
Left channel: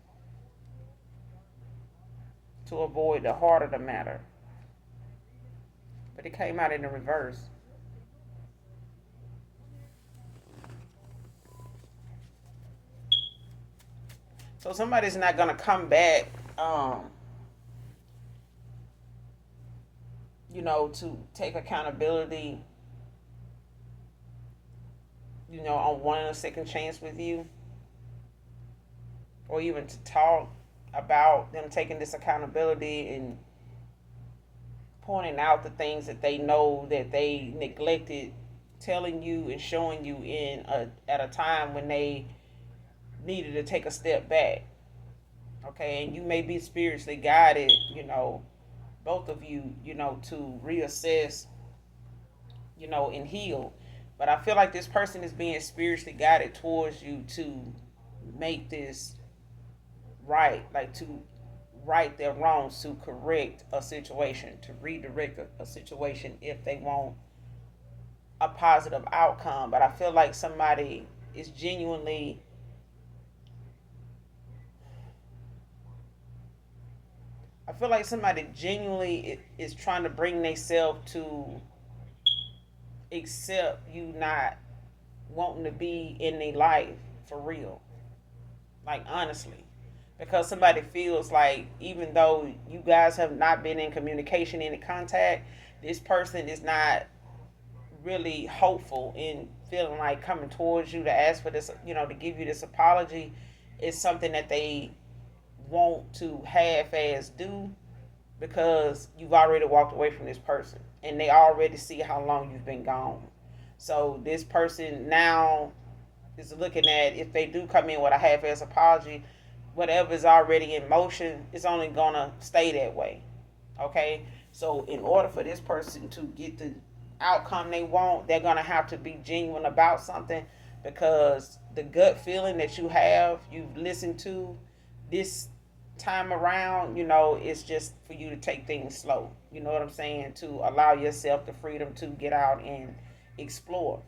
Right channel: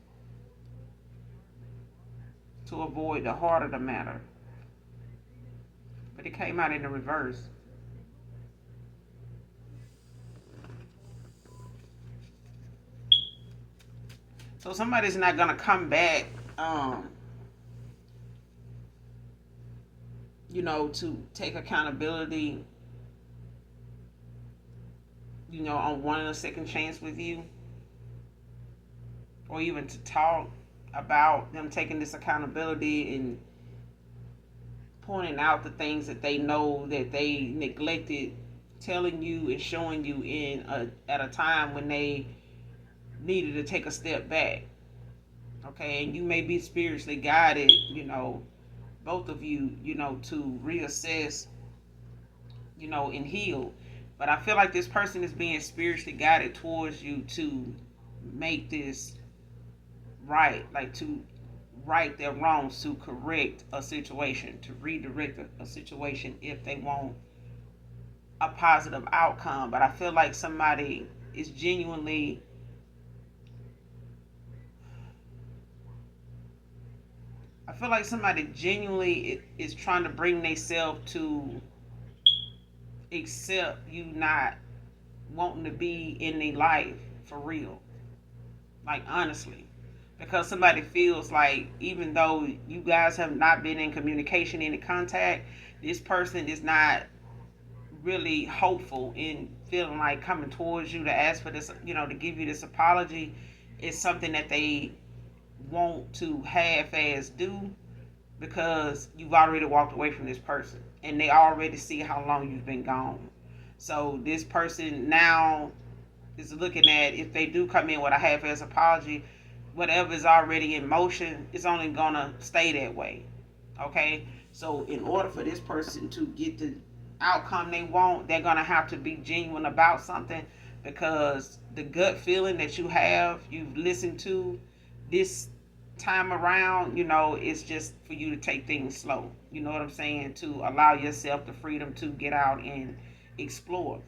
to avoid the heart of the matter. But it came out in the reverse. So somebody's not gonna come back, um, to take accountability, on wanting a second chance with you, or even to talk about them taking this accountability and pointing out the things that they know that they neglected telling you and showing you at a time when they needed to take a step back. Okay, and you may be spiritually guided, both of you, to reassess, and heal. But I feel like this person is being spiritually guided towards you to make this right, like to right their wrongs, to correct a situation, to redirect a situation if they want a positive outcome. But I feel like somebody is genuinely, I feel like somebody genuinely is trying to bring themselves to accept you not wanting to be in their life for real. Like, honestly. Because somebody feels like even though you guys have not been in communication, in contact, this person is not really hopeful in feeling like coming towards you to ask for this, to give you this apology is something that they want to half ass do because you've already walked away from this person and they already see how long you've been gone. So this person now is looking at if they do come in with a half ass apology, whatever is already in motion is only gonna stay that way. Okay? So in order for this person to get the outcome they want, they're gonna have to be genuine about something because the gut feeling that you've listened to this time around, it's just for you to take things slow. You know what I'm saying? To allow yourself the freedom to get out and explore.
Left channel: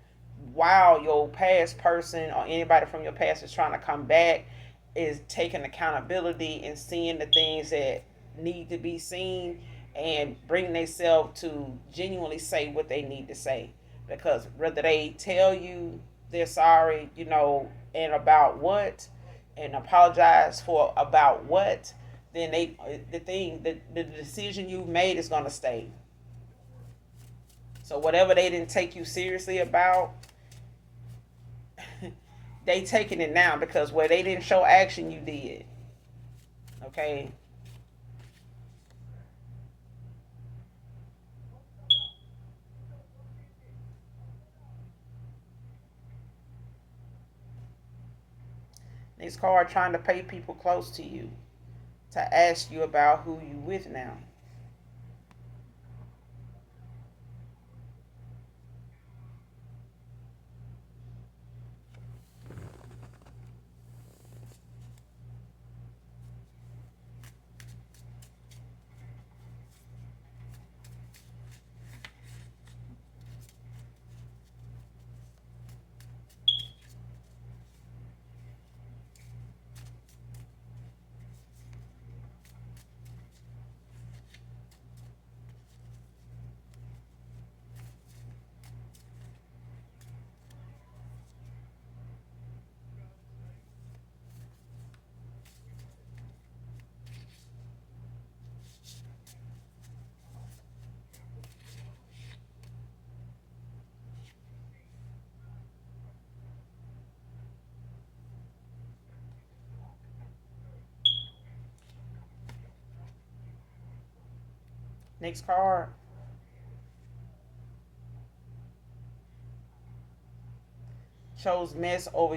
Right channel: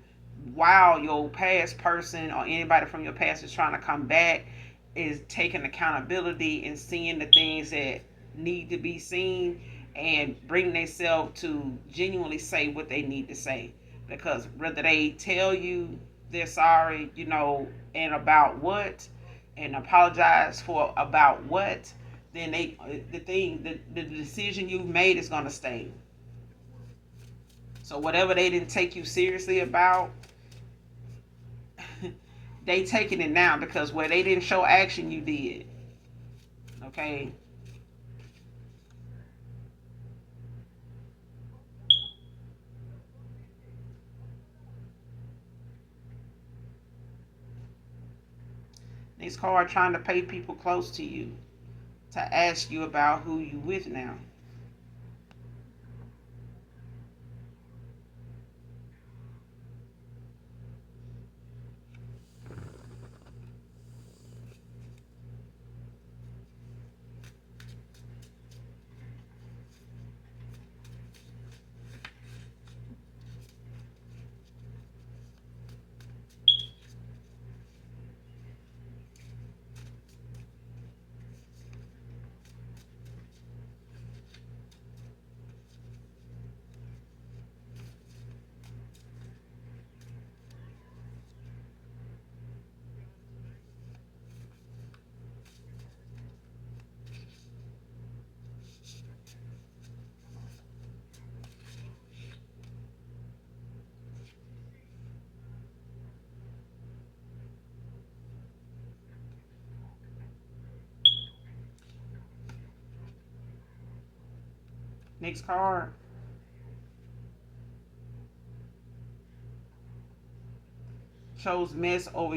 While your past person or anybody from your past is trying to come back, is taking accountability and seeing the things that need to be seen and bring themselves to genuinely say what they need to say. Because whether they tell you they're sorry, and about what, and apologize for about what, then the decision you made is gonna stay. So whatever they didn't take you seriously about, they taking it now, because where they didn't show action, you did. Okay. These cards trying to pay people close to you to ask you about who you with now. Next card shows mess over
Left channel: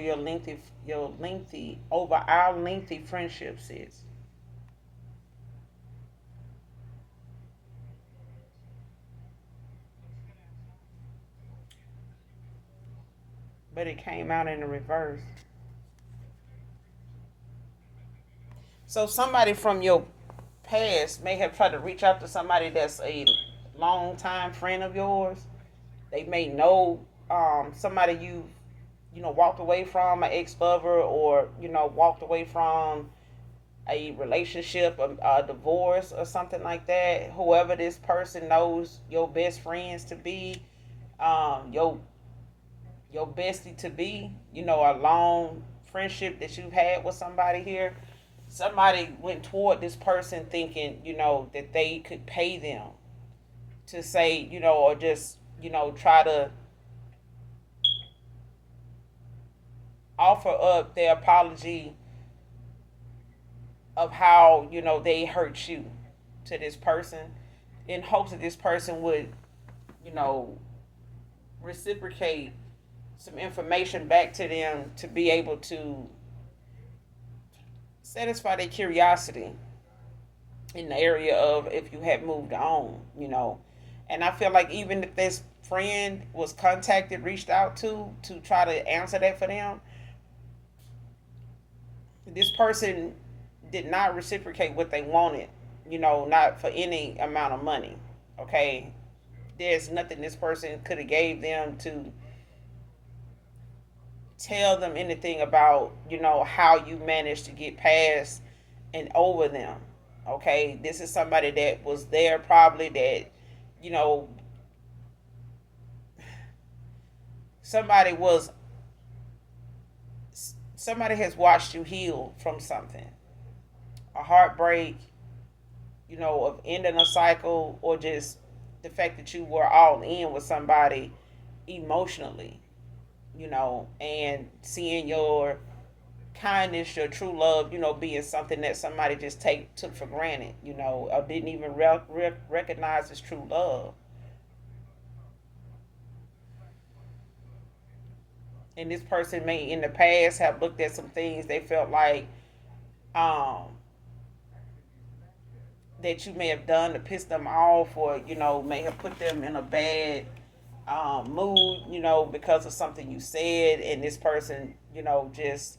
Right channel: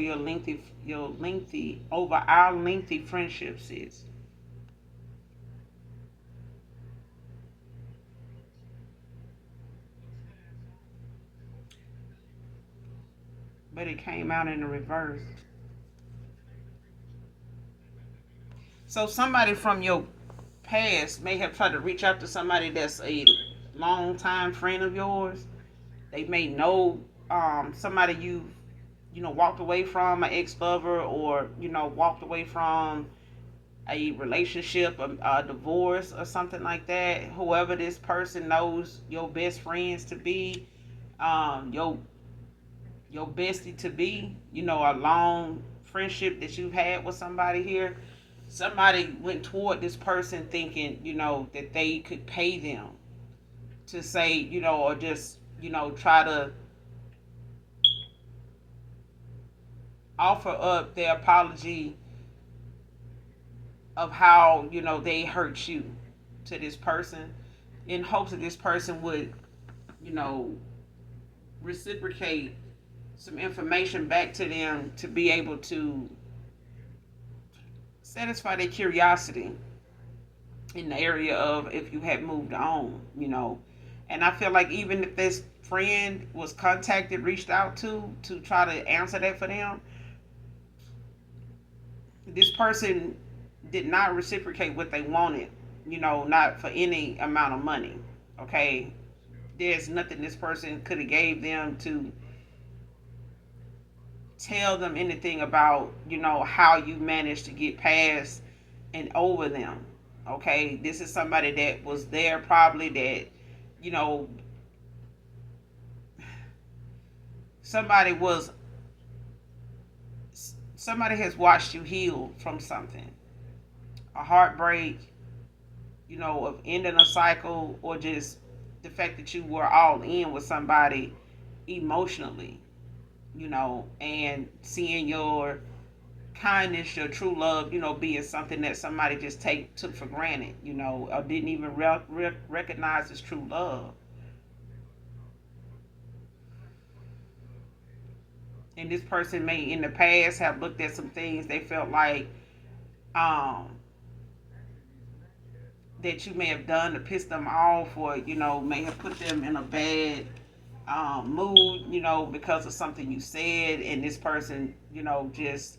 over our lengthy friendships is. But it came out in the reverse. So somebody from your past may have tried to reach out to somebody that's a long-time friend of yours. They may know somebody you walked away from, an ex-lover, or walked away from a relationship, a divorce, or something like that. Whoever this person knows your best friends to be, your bestie to be, a long friendship that you've had with somebody here. Somebody went toward this person thinking, that they could pay them to say, or just, try to offer up their apology of how, they hurt you to this person, in hopes that this person would, you know, reciprocate some information back to them to be able to satisfy their curiosity in the area of if you had moved on. And I feel like even if this friend was contacted, reached out to try to answer that for them, this person did not reciprocate what they wanted, not for any amount of money. Okay. There's nothing this person could have gave them to tell them anything about, how you managed to get past and over them. Okay. This is somebody that was there probably that, you know, somebody was somebody has watched you heal from something. A heartbreak, of ending a cycle, or just the fact that you were all in with somebody emotionally, and seeing your kindness, your true love, being something that somebody just took for granted, or didn't even recognize as true love. And this person may in the past have looked at some things they felt like um, that you may have done to piss them off, or may have put them in a bad mood, because of something you said, and this person, just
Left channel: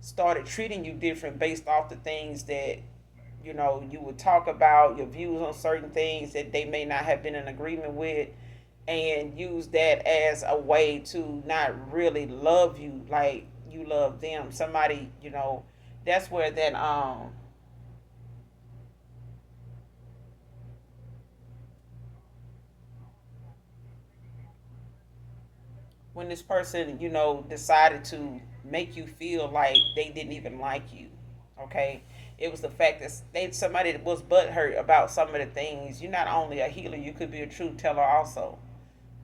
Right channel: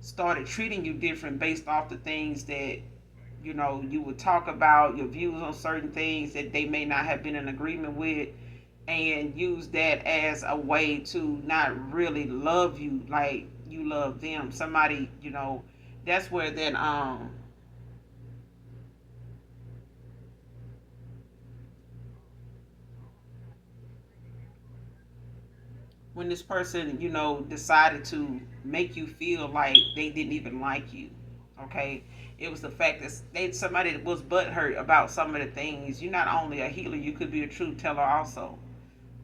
started treating you different based off the things that you would talk about, your views on certain things that they may not have been in agreement with, and use that as a way to not really love you like you love them. Somebody, that's where that when this person, decided to make you feel like they didn't even like you. Okay, it was the fact that somebody that was butthurt about some of the things. You're not only a healer, you could be a truth teller also.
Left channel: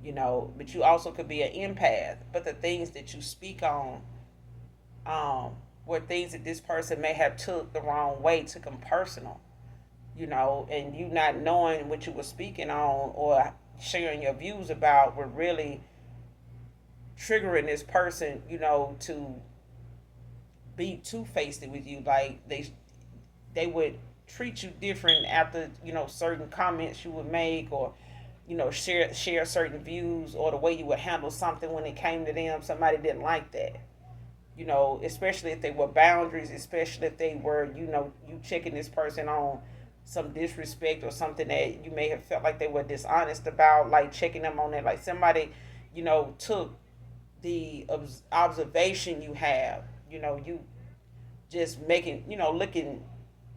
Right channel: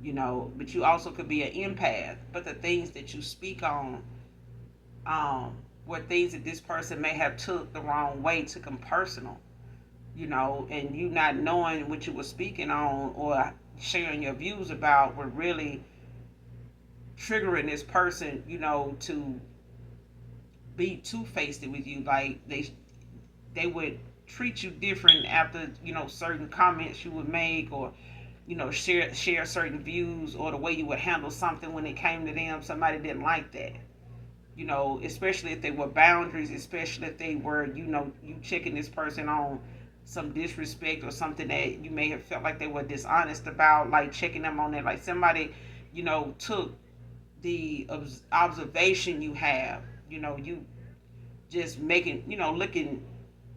But you also could be an empath. But the things that you speak on, were things that this person may have took the wrong way, took them personal. And you not knowing what you were speaking on or sharing your views about were really triggering this person, to be two-faced with you. Like they would treat you different after, certain comments you would make, or share certain views, or the way you would handle something when it came to them. Somebody didn't like that. Especially if they were boundaries, especially if they were, you checking this person on some disrespect or something that you may have felt like they were dishonest about, like checking them on it. Like somebody, took the observation you have, you just making, looking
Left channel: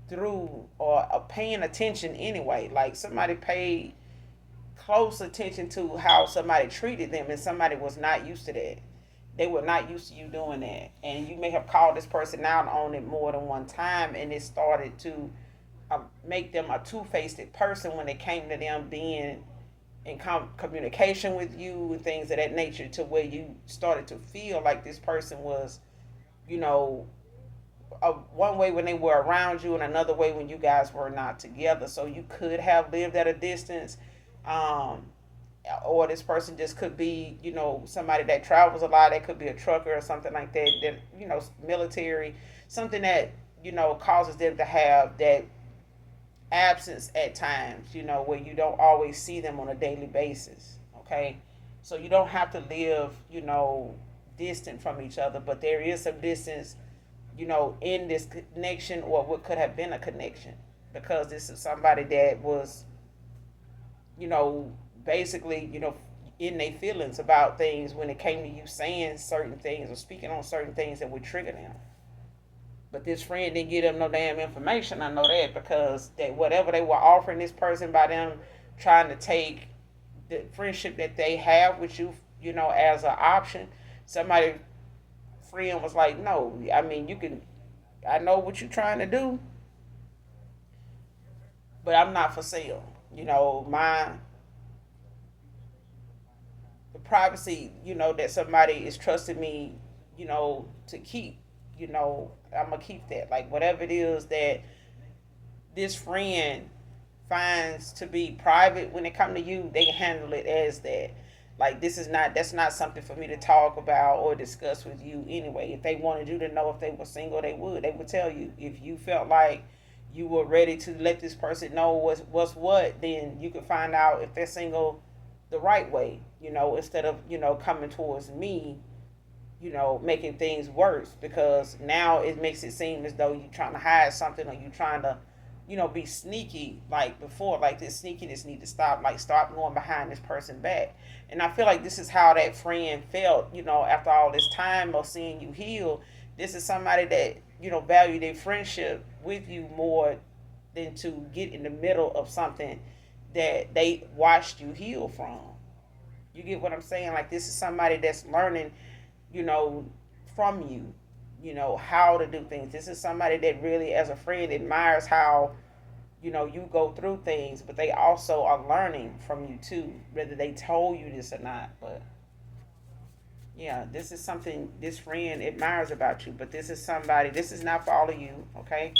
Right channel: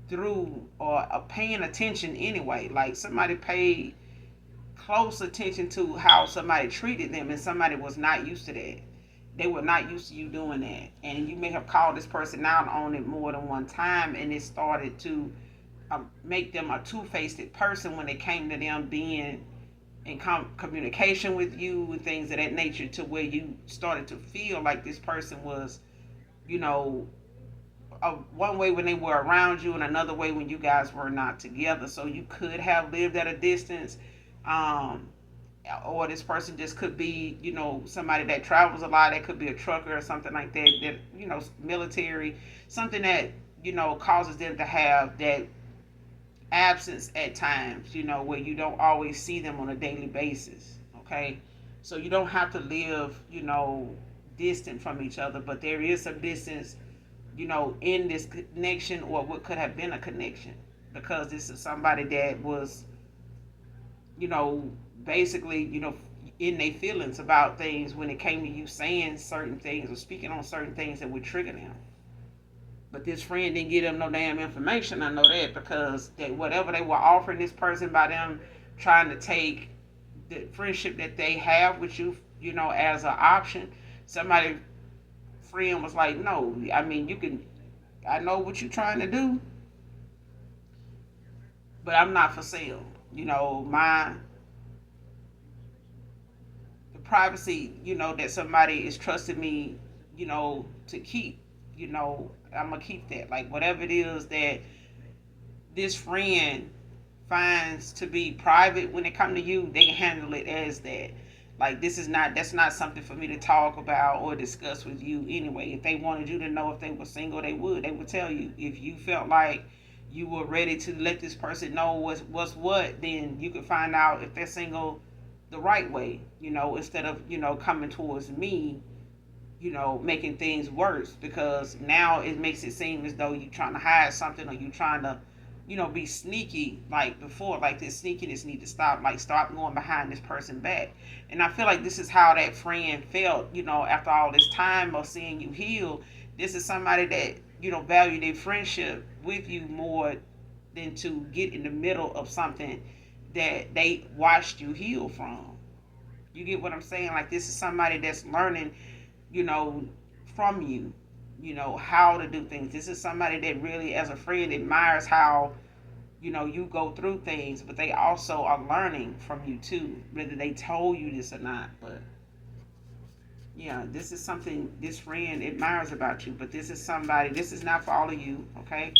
through, or paying attention anyway. Like somebody paid close attention to how somebody treated them, and somebody was not used to that. They were not used to you doing that. And you may have called this person out on it more than one time, and it started to make them a two-faced person when it came to them being in communication with you and things of that nature, to where you started to feel like this person was, you know, one way when they were around you and another way when you guys were not together. So you could have lived at a distance. Um, or this person just could be, somebody that travels a lot. That could be a trucker or something like that, that, military, something that, causes them to have that absence at times, where you don't always see them on a daily basis. Okay. So you don't have to live, distant from each other, but there is some distance, in this connection, or what could have been a connection, because this is somebody that was, you know, basically, in their feelings about things when it came to you saying certain things or speaking on certain things that would trigger them. But this friend didn't give them no damn information. I know that, because that whatever they were offering this person by them trying to take the friendship that they have with you, as an option, somebody friend was like, no, I mean, you can, I know what you're trying to do, but I'm not for sale. My the privacy, that somebody is trusting me, to keep, I'm gonna keep that. Like whatever it is that this friend finds to be private when it comes to you, they handle it as that. Like that's not something for me to talk about or discuss with you anyway. If they wanted you to know if they were single, they would tell you. If you felt like you were ready to let this person know what's what, then you could find out if they're single the right way, instead of, coming towards me, making things worse, because now it makes it seem as though you're trying to hide something, or you're trying to, be sneaky like before. Like this sneakiness need to stop. Like stop going behind this person back. And I feel like this is how that friend felt, after all this time of seeing you heal. This is somebody that, value their friendship with you more than to get in the middle of something that they watched you heal from. You get what I'm saying? Like this is somebody that's learning, you know, from you, how to do things. This is somebody that really, as a friend, admires how, you go through things, but they also are learning from you too, whether they told you this or not. But yeah, this is something this friend admires about you, but this is somebody, this is not for all of you, okay?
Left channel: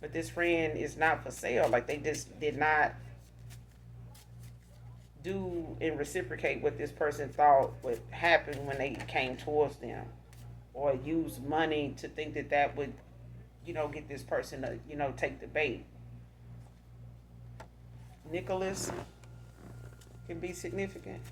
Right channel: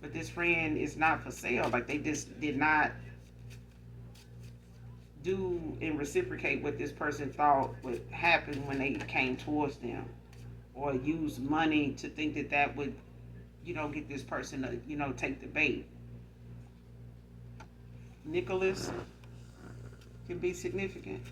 But this friend is not for sale. Like they just did not do and reciprocate what this person thought would happen when they came towards them, or use money to think that that would, get this person to, take the bait. Nicholas can be significant.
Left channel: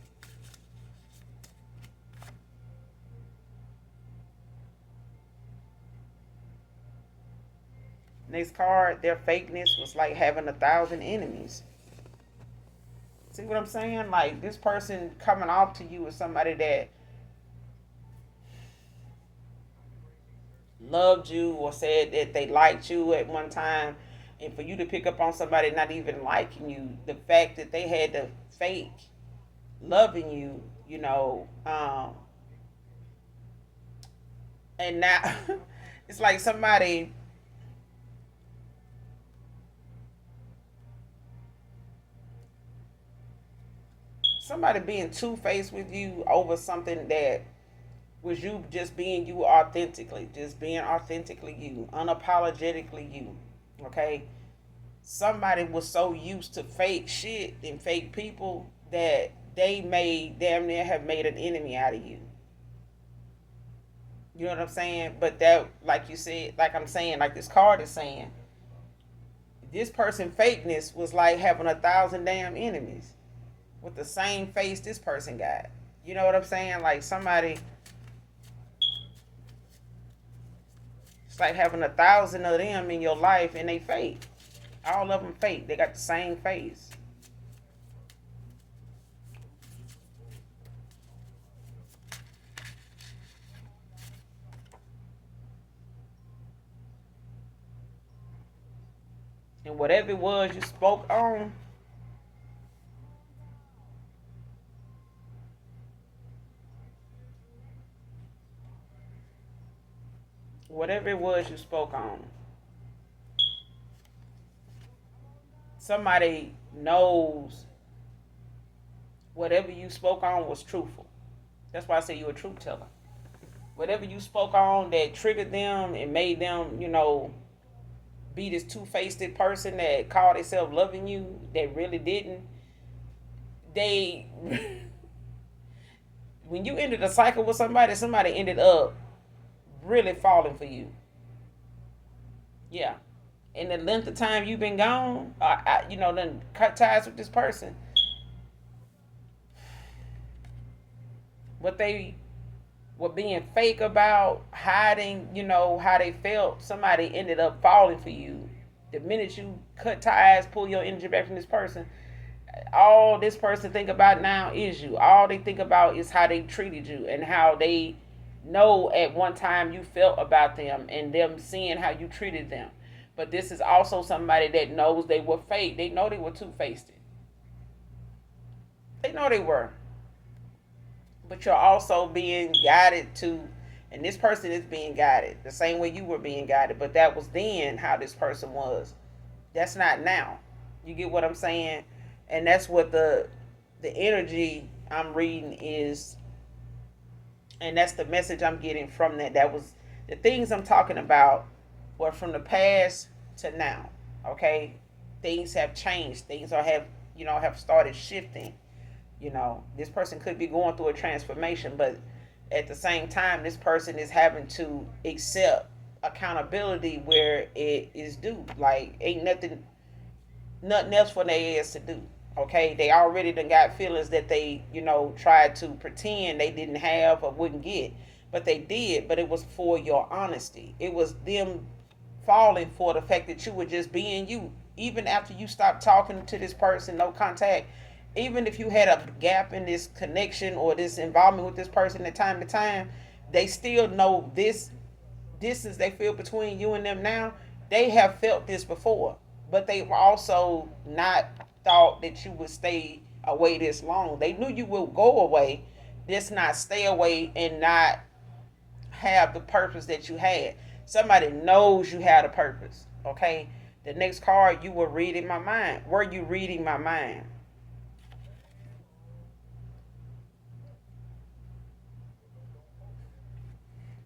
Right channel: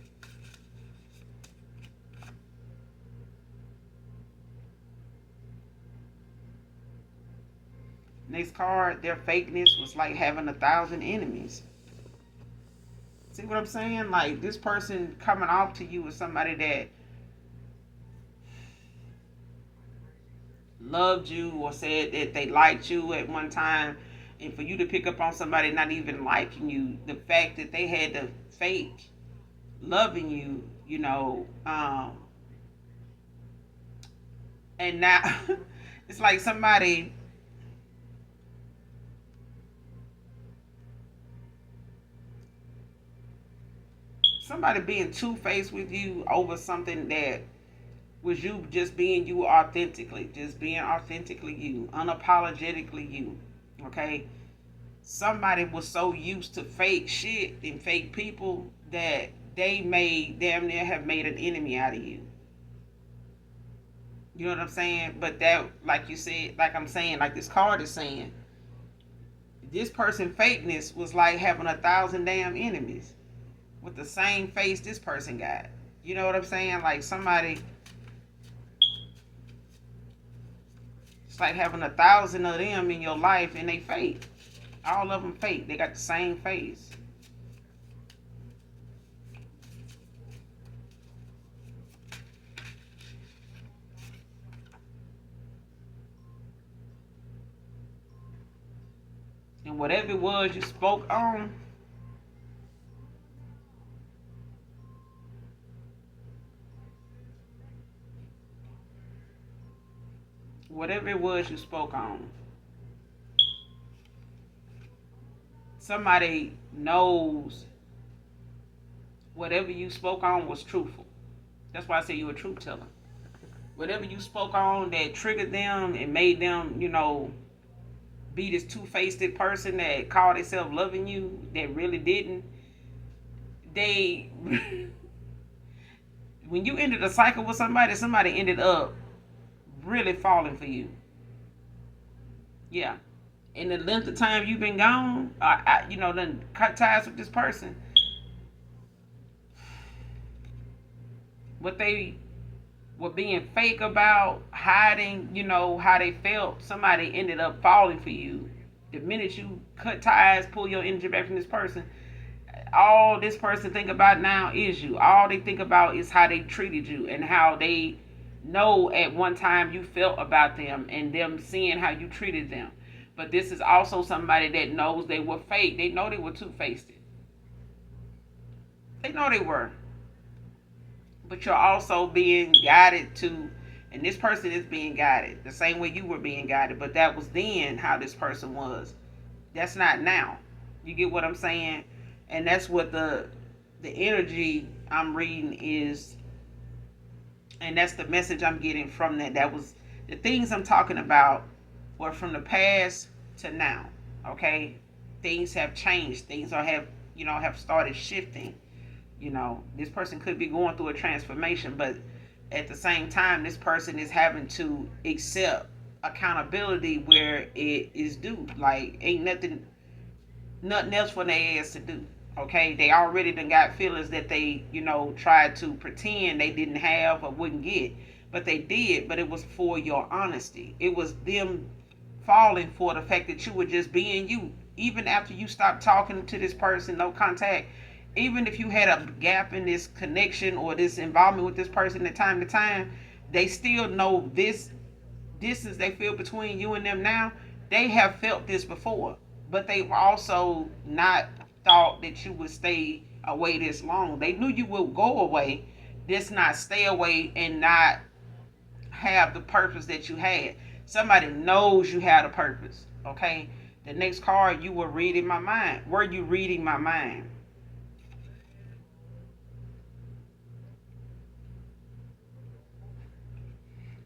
Next card, their fakeness was like having 1,000 enemies. See what I'm saying? Like this person coming off to you as somebody that loved you or said that they liked you at one time, and for you to pick up on somebody not even liking you, the fact that they had to fake, loving you, and now it's like somebody being two faced with you over something that was you just being you authentically, just being authentically you, unapologetically you. Okay, somebody was so used to fake shit and fake people that they may damn near have made an enemy out of you. You know what I'm saying? But that, like you said, like I'm saying, like this card is saying, this person fakeness was like having 1,000 damn enemies with the same face this person got. You know what I'm saying? Like somebody, it's like having 1,000 of them in your life and they fake. All of them fake. They got the same face. And whatever it was you spoke on, whatever it was you spoke on, somebody knows whatever you spoke on was truthful. That's why I say you're a truth teller. Whatever you spoke on that triggered them and made them, be this two-faced person that called themselves loving you, that really didn't. They, when you ended a cycle with somebody, somebody ended up really falling for you. Yeah. In the length of time you've been gone, then cut ties with this person. What they were being fake about, hiding, how they felt, somebody ended up falling for you. The minute you cut ties, pull your energy back from this person, all this person think about now is you. All they think about is how they treated you and how they know at one time you felt about them and them seeing how you treated them. But this is also somebody that knows they were fake. They know they were two-faced. They know they were. But you're also being guided to, and this person is being guided the same way you were being guided. But that was then how this person was. That's not now. You get what I'm saying? And that's what the energy I'm reading is, and that's the message I'm getting from that. That was the things I'm talking about were from the past to now. Okay, things have changed. Things have started shifting. This person could be going through a transformation, but at the same time, this person is having to accept accountability where it is due. Like ain't nothing else for their ass to do. Okay, they already done got feelings that they, tried to pretend they didn't have or wouldn't get, but they did. But it was for your honesty. It was them falling for the fact that you were just being you, even after you stopped talking to this person, no contact. Even if you had a gap in this connection or this involvement with this person at time to time, they still know this distance they feel between you and them now. They have felt this before, but they've also not thought that you would stay away this long. They knew you would go away, just not stay away and not have the purpose that you had. Somebody knows you had a purpose. Okay. The next card, you were reading my mind. Were you reading my mind?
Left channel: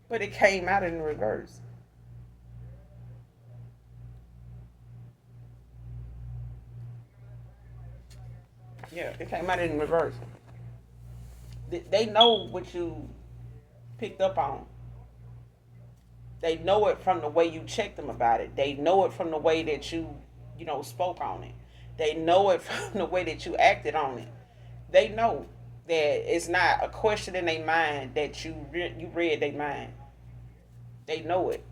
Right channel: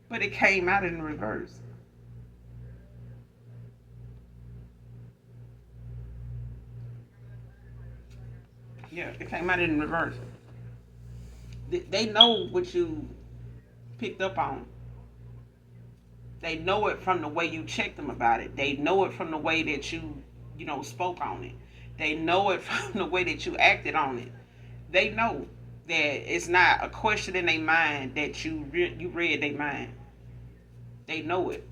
But it came out in reverse. Yeah, it came out in reverse. They know what you picked up on. They know it from the way you checked them about it. They know it from the way that you spoke on it. They know it from the way that you acted on it. They know that it's not a question in their mind that you read their mind. They know it.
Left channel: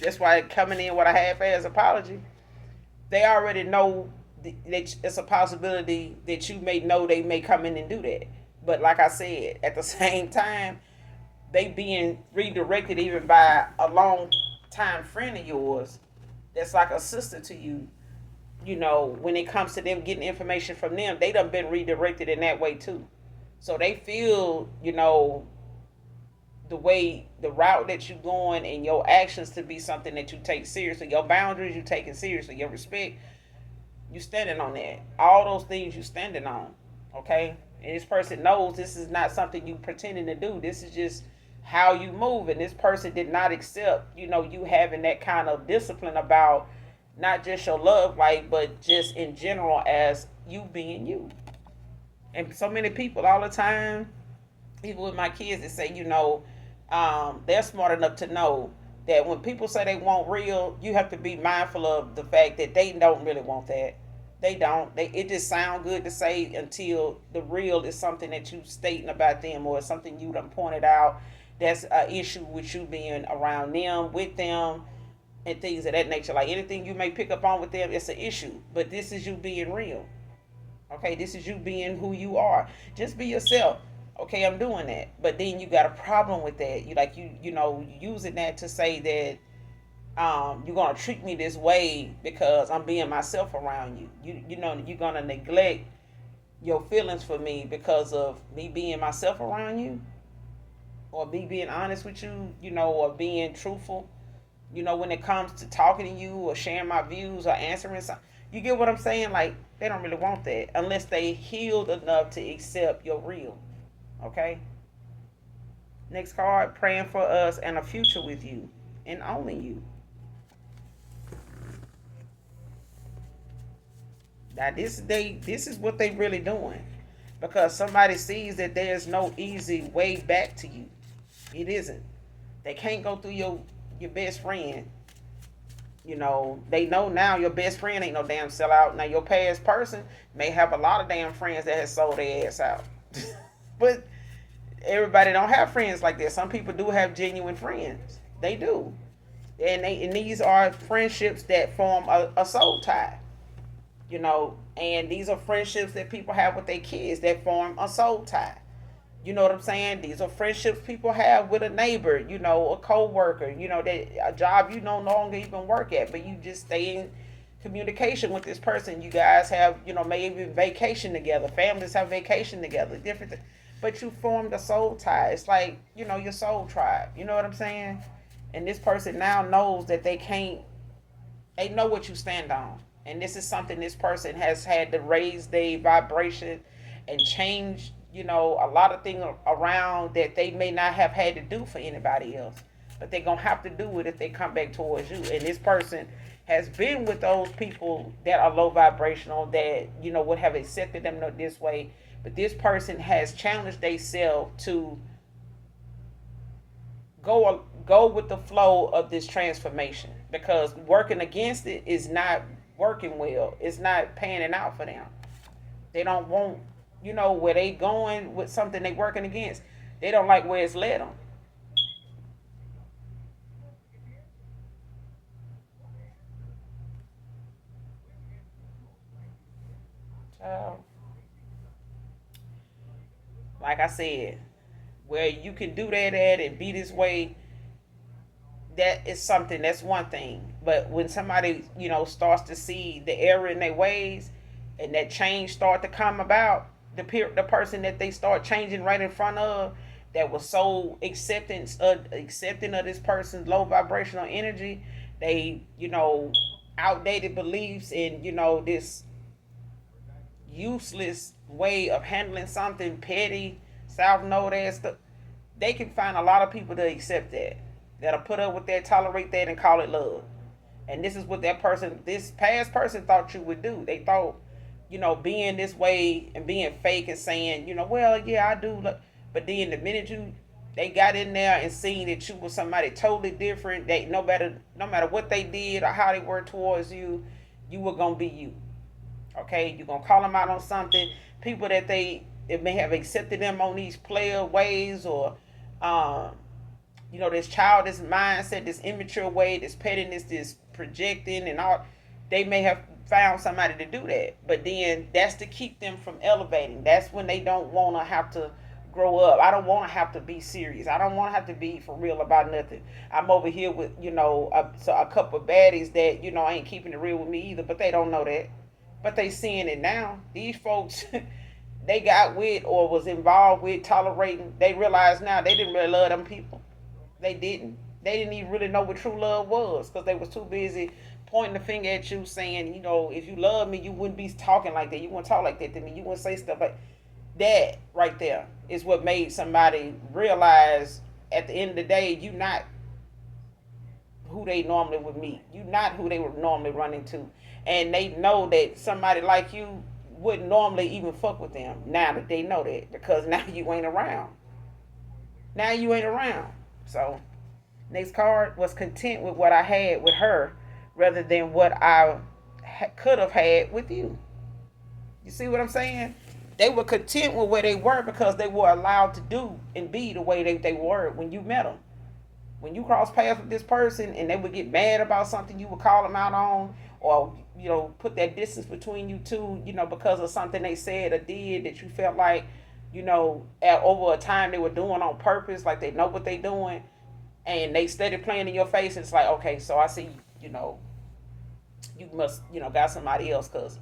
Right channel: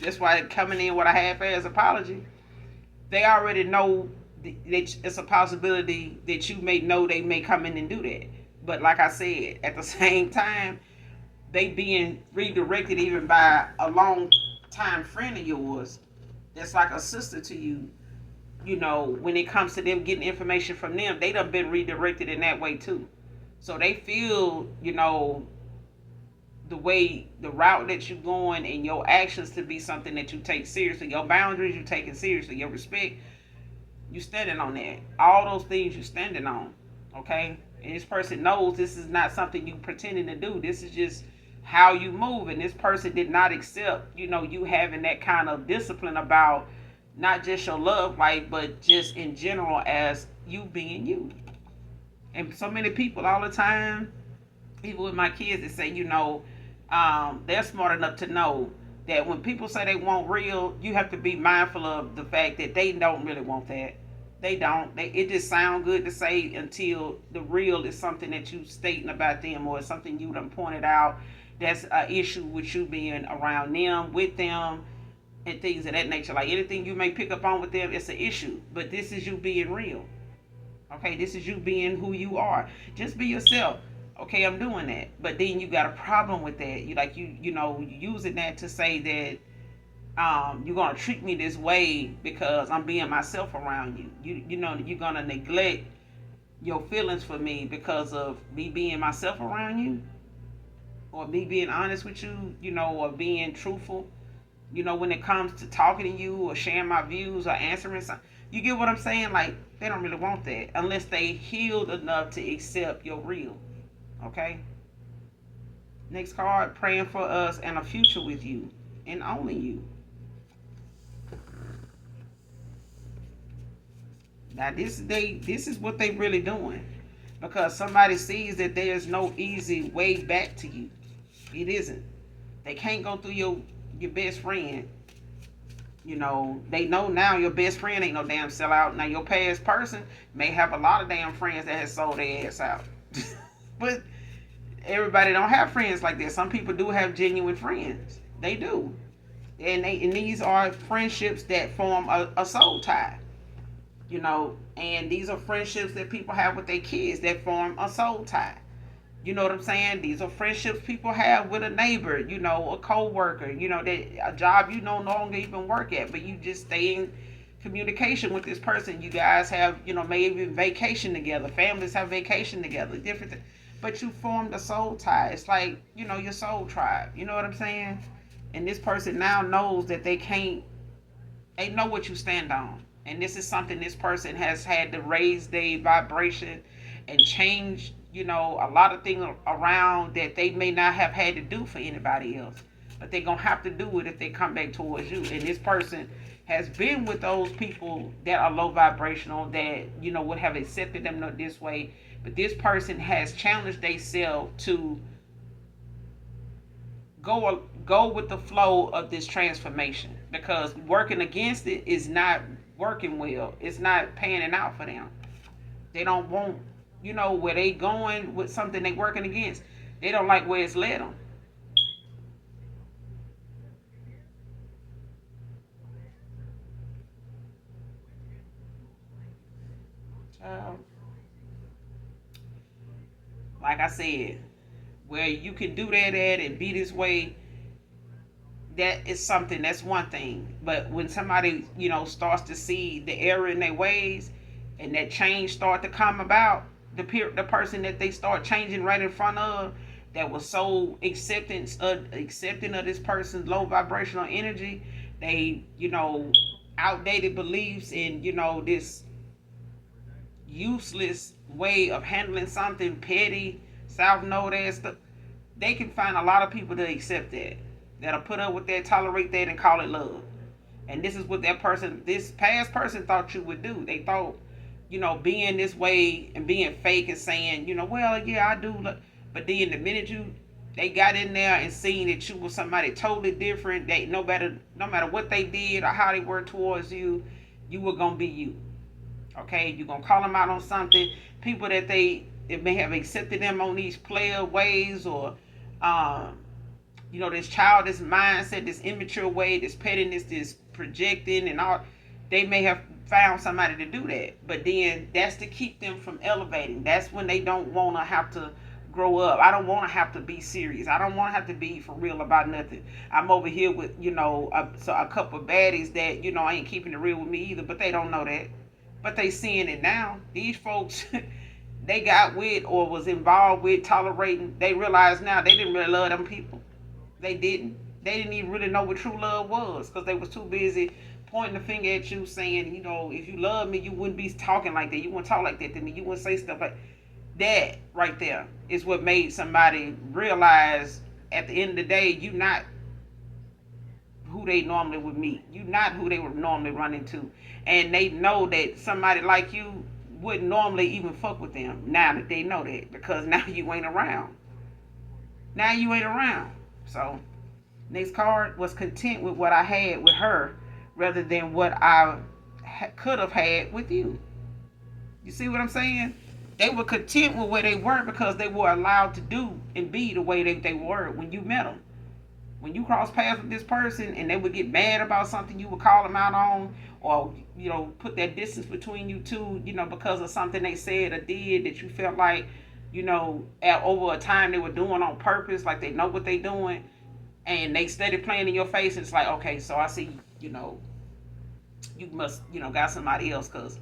That's why coming in with a half-ass apology, they already know that it's a possibility that you may know they may come in and do that. But like I said, at the same time, they being redirected even by a long time friend of yours that's like a sister to you. When it comes to them getting information from them, they done been redirected in that way too. So they feel, the route that you're going and your actions to be something that you take seriously. Your boundaries, you take it seriously. Your respect, you standing on that. All those things you standing on. Okay? And this person knows this is not something you pretending to do. This is just how you move. And this person did not accept, you having that kind of discipline about not just your love life, but just in general as you being you. And so many people all the time, even with my kids, that say, they're smart enough to know that when people say they want real, you have to be mindful of the fact that they don't really want that. They don't. It just sound good to say until the real is something that you stating about them, or something you done pointed out that's an issue with you being around them, with them, and things of that nature. Like anything you may pick up on with them, it's an issue. But this is you being real. Okay, this is you being who you are. Just be yourself. Okay, I'm doing that. But then you got a problem with that. You using that to say that you're gonna treat me this way because I'm being myself around you. You're gonna neglect your feelings for me because of me being myself around you, or me being honest with you, or being truthful. When it comes to talking to you or sharing my views or answering something. You get what I'm saying? Like, they don't really want that unless they healed enough to accept your real. Okay? Next card, praying for us and a future with you and owning you. Now this is what they really doing. Because somebody sees that there's no easy way back to you. It isn't. They can't go through your best friend. They know now your best friend ain't no damn sellout. Now your past person may have a lot of damn friends that has sold their ass out. But everybody don't have friends like that. Some people do have genuine friends. They do. And these are friendships that form a soul tie. And these are friendships that people have with their kids that form a soul tie. You know what I'm saying? These are friendships people have with a neighbor, a co-worker, that a job you no longer even work at, but you just stay in communication with this person. You guys have, maybe vacation together. Families have vacation together, different things. But you formed a soul tie. It's like, your soul tribe. You know what I'm saying? And this person now knows that they know what you stand on. And this is something this person has had to raise their vibration and change, a lot of things around that they may not have had to do for anybody else. But they're going to have to do it if they come back towards you. And this person has been with those people that are low vibrational, that, would have accepted them this way. But this person has challenged themselves to go with the flow of this transformation, because working against it is not working well. It's not panning out for them. They don't want, where they going with something they working against. They don't like where it's led them. So, like I said, where you can do that at and be this way, that is something, that's one thing. But when somebody, starts to see the error in their ways, and that change start to come about, the person that they start changing right in front of, that was so accepting of this person's low vibrational energy, they, outdated beliefs and, this useless way of handling something petty, south node ass stuff, they can find a lot of people to accept that, that'll put up with that, tolerate that, and call it love. And this is what this past person thought you would do. They thought, being this way and being fake and saying, well, yeah, I do. But then the minute they got in there and seen that you was somebody totally different, they no matter what they did or how they were towards you, you were gonna be you. Okay, you're gonna call them out on something. People that it may have accepted them on these player ways, or um, this childish mindset, this immature way, this pettiness, this projecting and all. They may have found somebody to do that, but then that's to keep them from elevating. That's when they don't want to have to grow up. I don't want to have to be serious. I don't want to have to be for real about nothing. I'm over here with, a couple of baddies that, ain't keeping it real with me either, but they don't know that. But they seeing it now. These folks they got with or was involved with tolerating, they realize now they didn't really love them people. They didn't. They didn't even really know what true love was because they was too busy pointing the finger at you, saying, if you love me, you wouldn't be talking like that. You wouldn't talk like that to me. You wouldn't say stuff like that. Right there is what made somebody realize at the end of the day, you not who they normally would meet. You not who they would normally run into. And they know that somebody like you wouldn't normally even fuck with them. Now that they know that, because now you ain't around. Now you ain't around. So next card was content with what I had with her rather than what I could have had with you. You see what I'm saying? They were content with where they were because they were allowed to do and be the way they were when you met them. When you cross paths with this person and they would get mad about something, you would call them out on, or put that distance between you two, because of something they said or did that you felt like, over a time they were doing on purpose, like they know what they doing, and they steady playing in your face. And it's like, okay, so I see, you must, got somebody else, because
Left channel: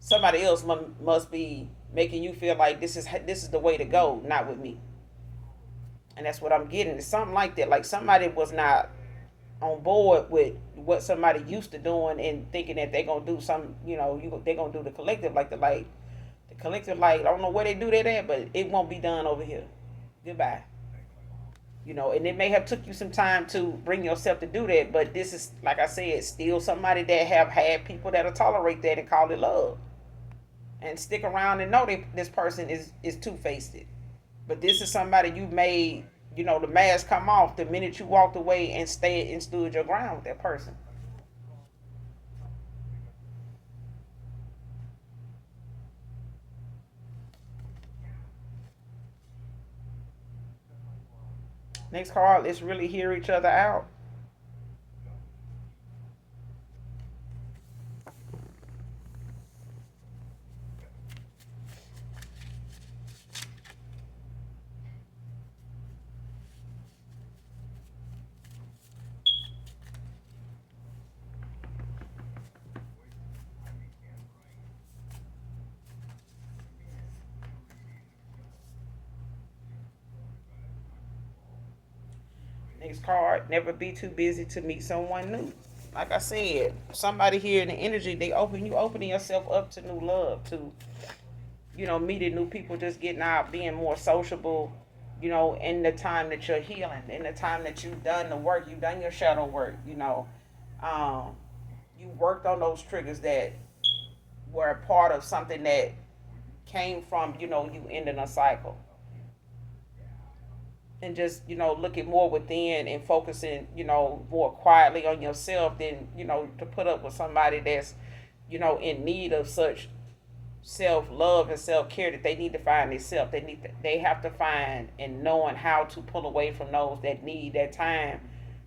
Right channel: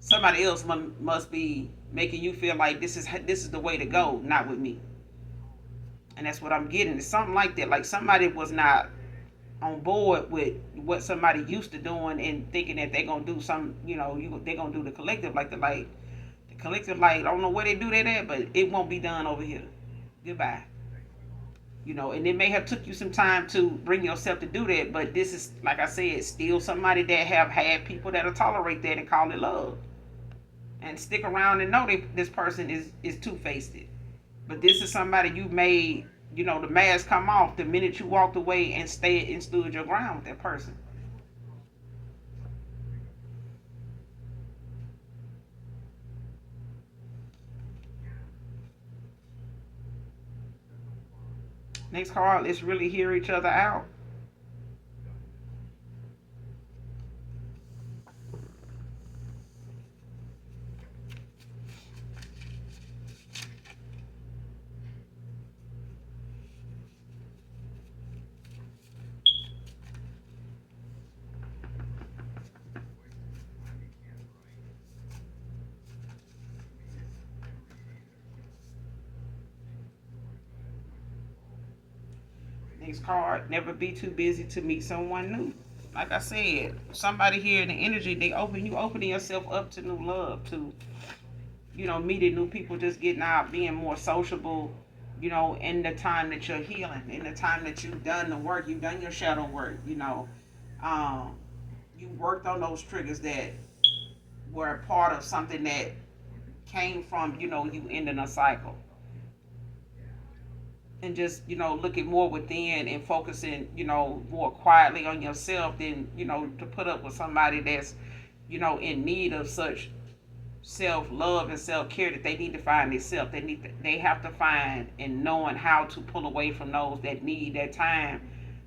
somebody else must be making you feel like this is the way to go, not with me. And that's what I'm getting. It's something like that. Like somebody was not on board with what somebody used to doing and thinking that they're gonna do some, they're gonna do the collective like the light. The collective light, I don't know where they do that at, but it won't be done over here. Goodbye. And it may have took you some time to bring yourself to do that, but this is, like I said, still somebody that have had people that'll tolerate that and call it love. And stick around and know that this person is two-faced. But this is somebody you made, the mask come off the minute you walked away and stayed and stood your ground with that person. Next card, let's really hear each other out. Next card, never be too busy to meet someone new. Like I said, somebody here in the energy, you opening yourself up to new love, to meeting new people, just getting out, being more sociable, in the time that you're healing, in the time that you've done the work, you've done your shadow work, um, you worked on those triggers that were a part of something that came from, you ending a cycle. And just, looking more within and focusing, more quietly on yourself than, to put up with somebody that's, in need of such self love and self care that they need to find themselves. They have to find and knowing how to pull away from those that need that time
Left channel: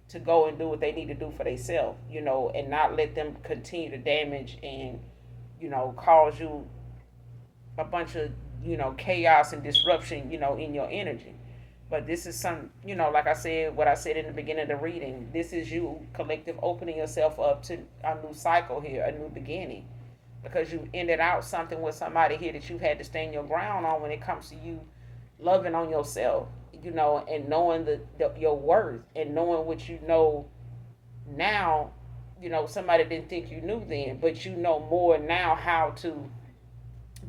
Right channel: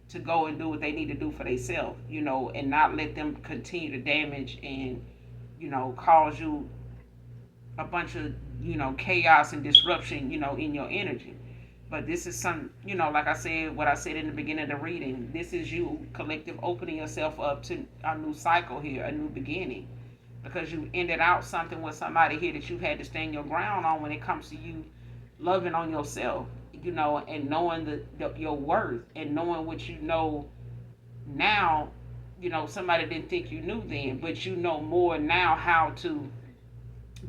to go and do what they need to do for themselves, and not let them continue to damage and, cause you a bunch of, chaos and disruption, in your energy. But this is some, like I said, what I said in the beginning of the reading, this is you collective opening yourself up to a new cycle here, a new beginning, because you ended out something with somebody here that you had to stand your ground on when it comes to you loving on yourself, and knowing your worth and knowing what you know now. Somebody didn't think you knew then, but you know more now how to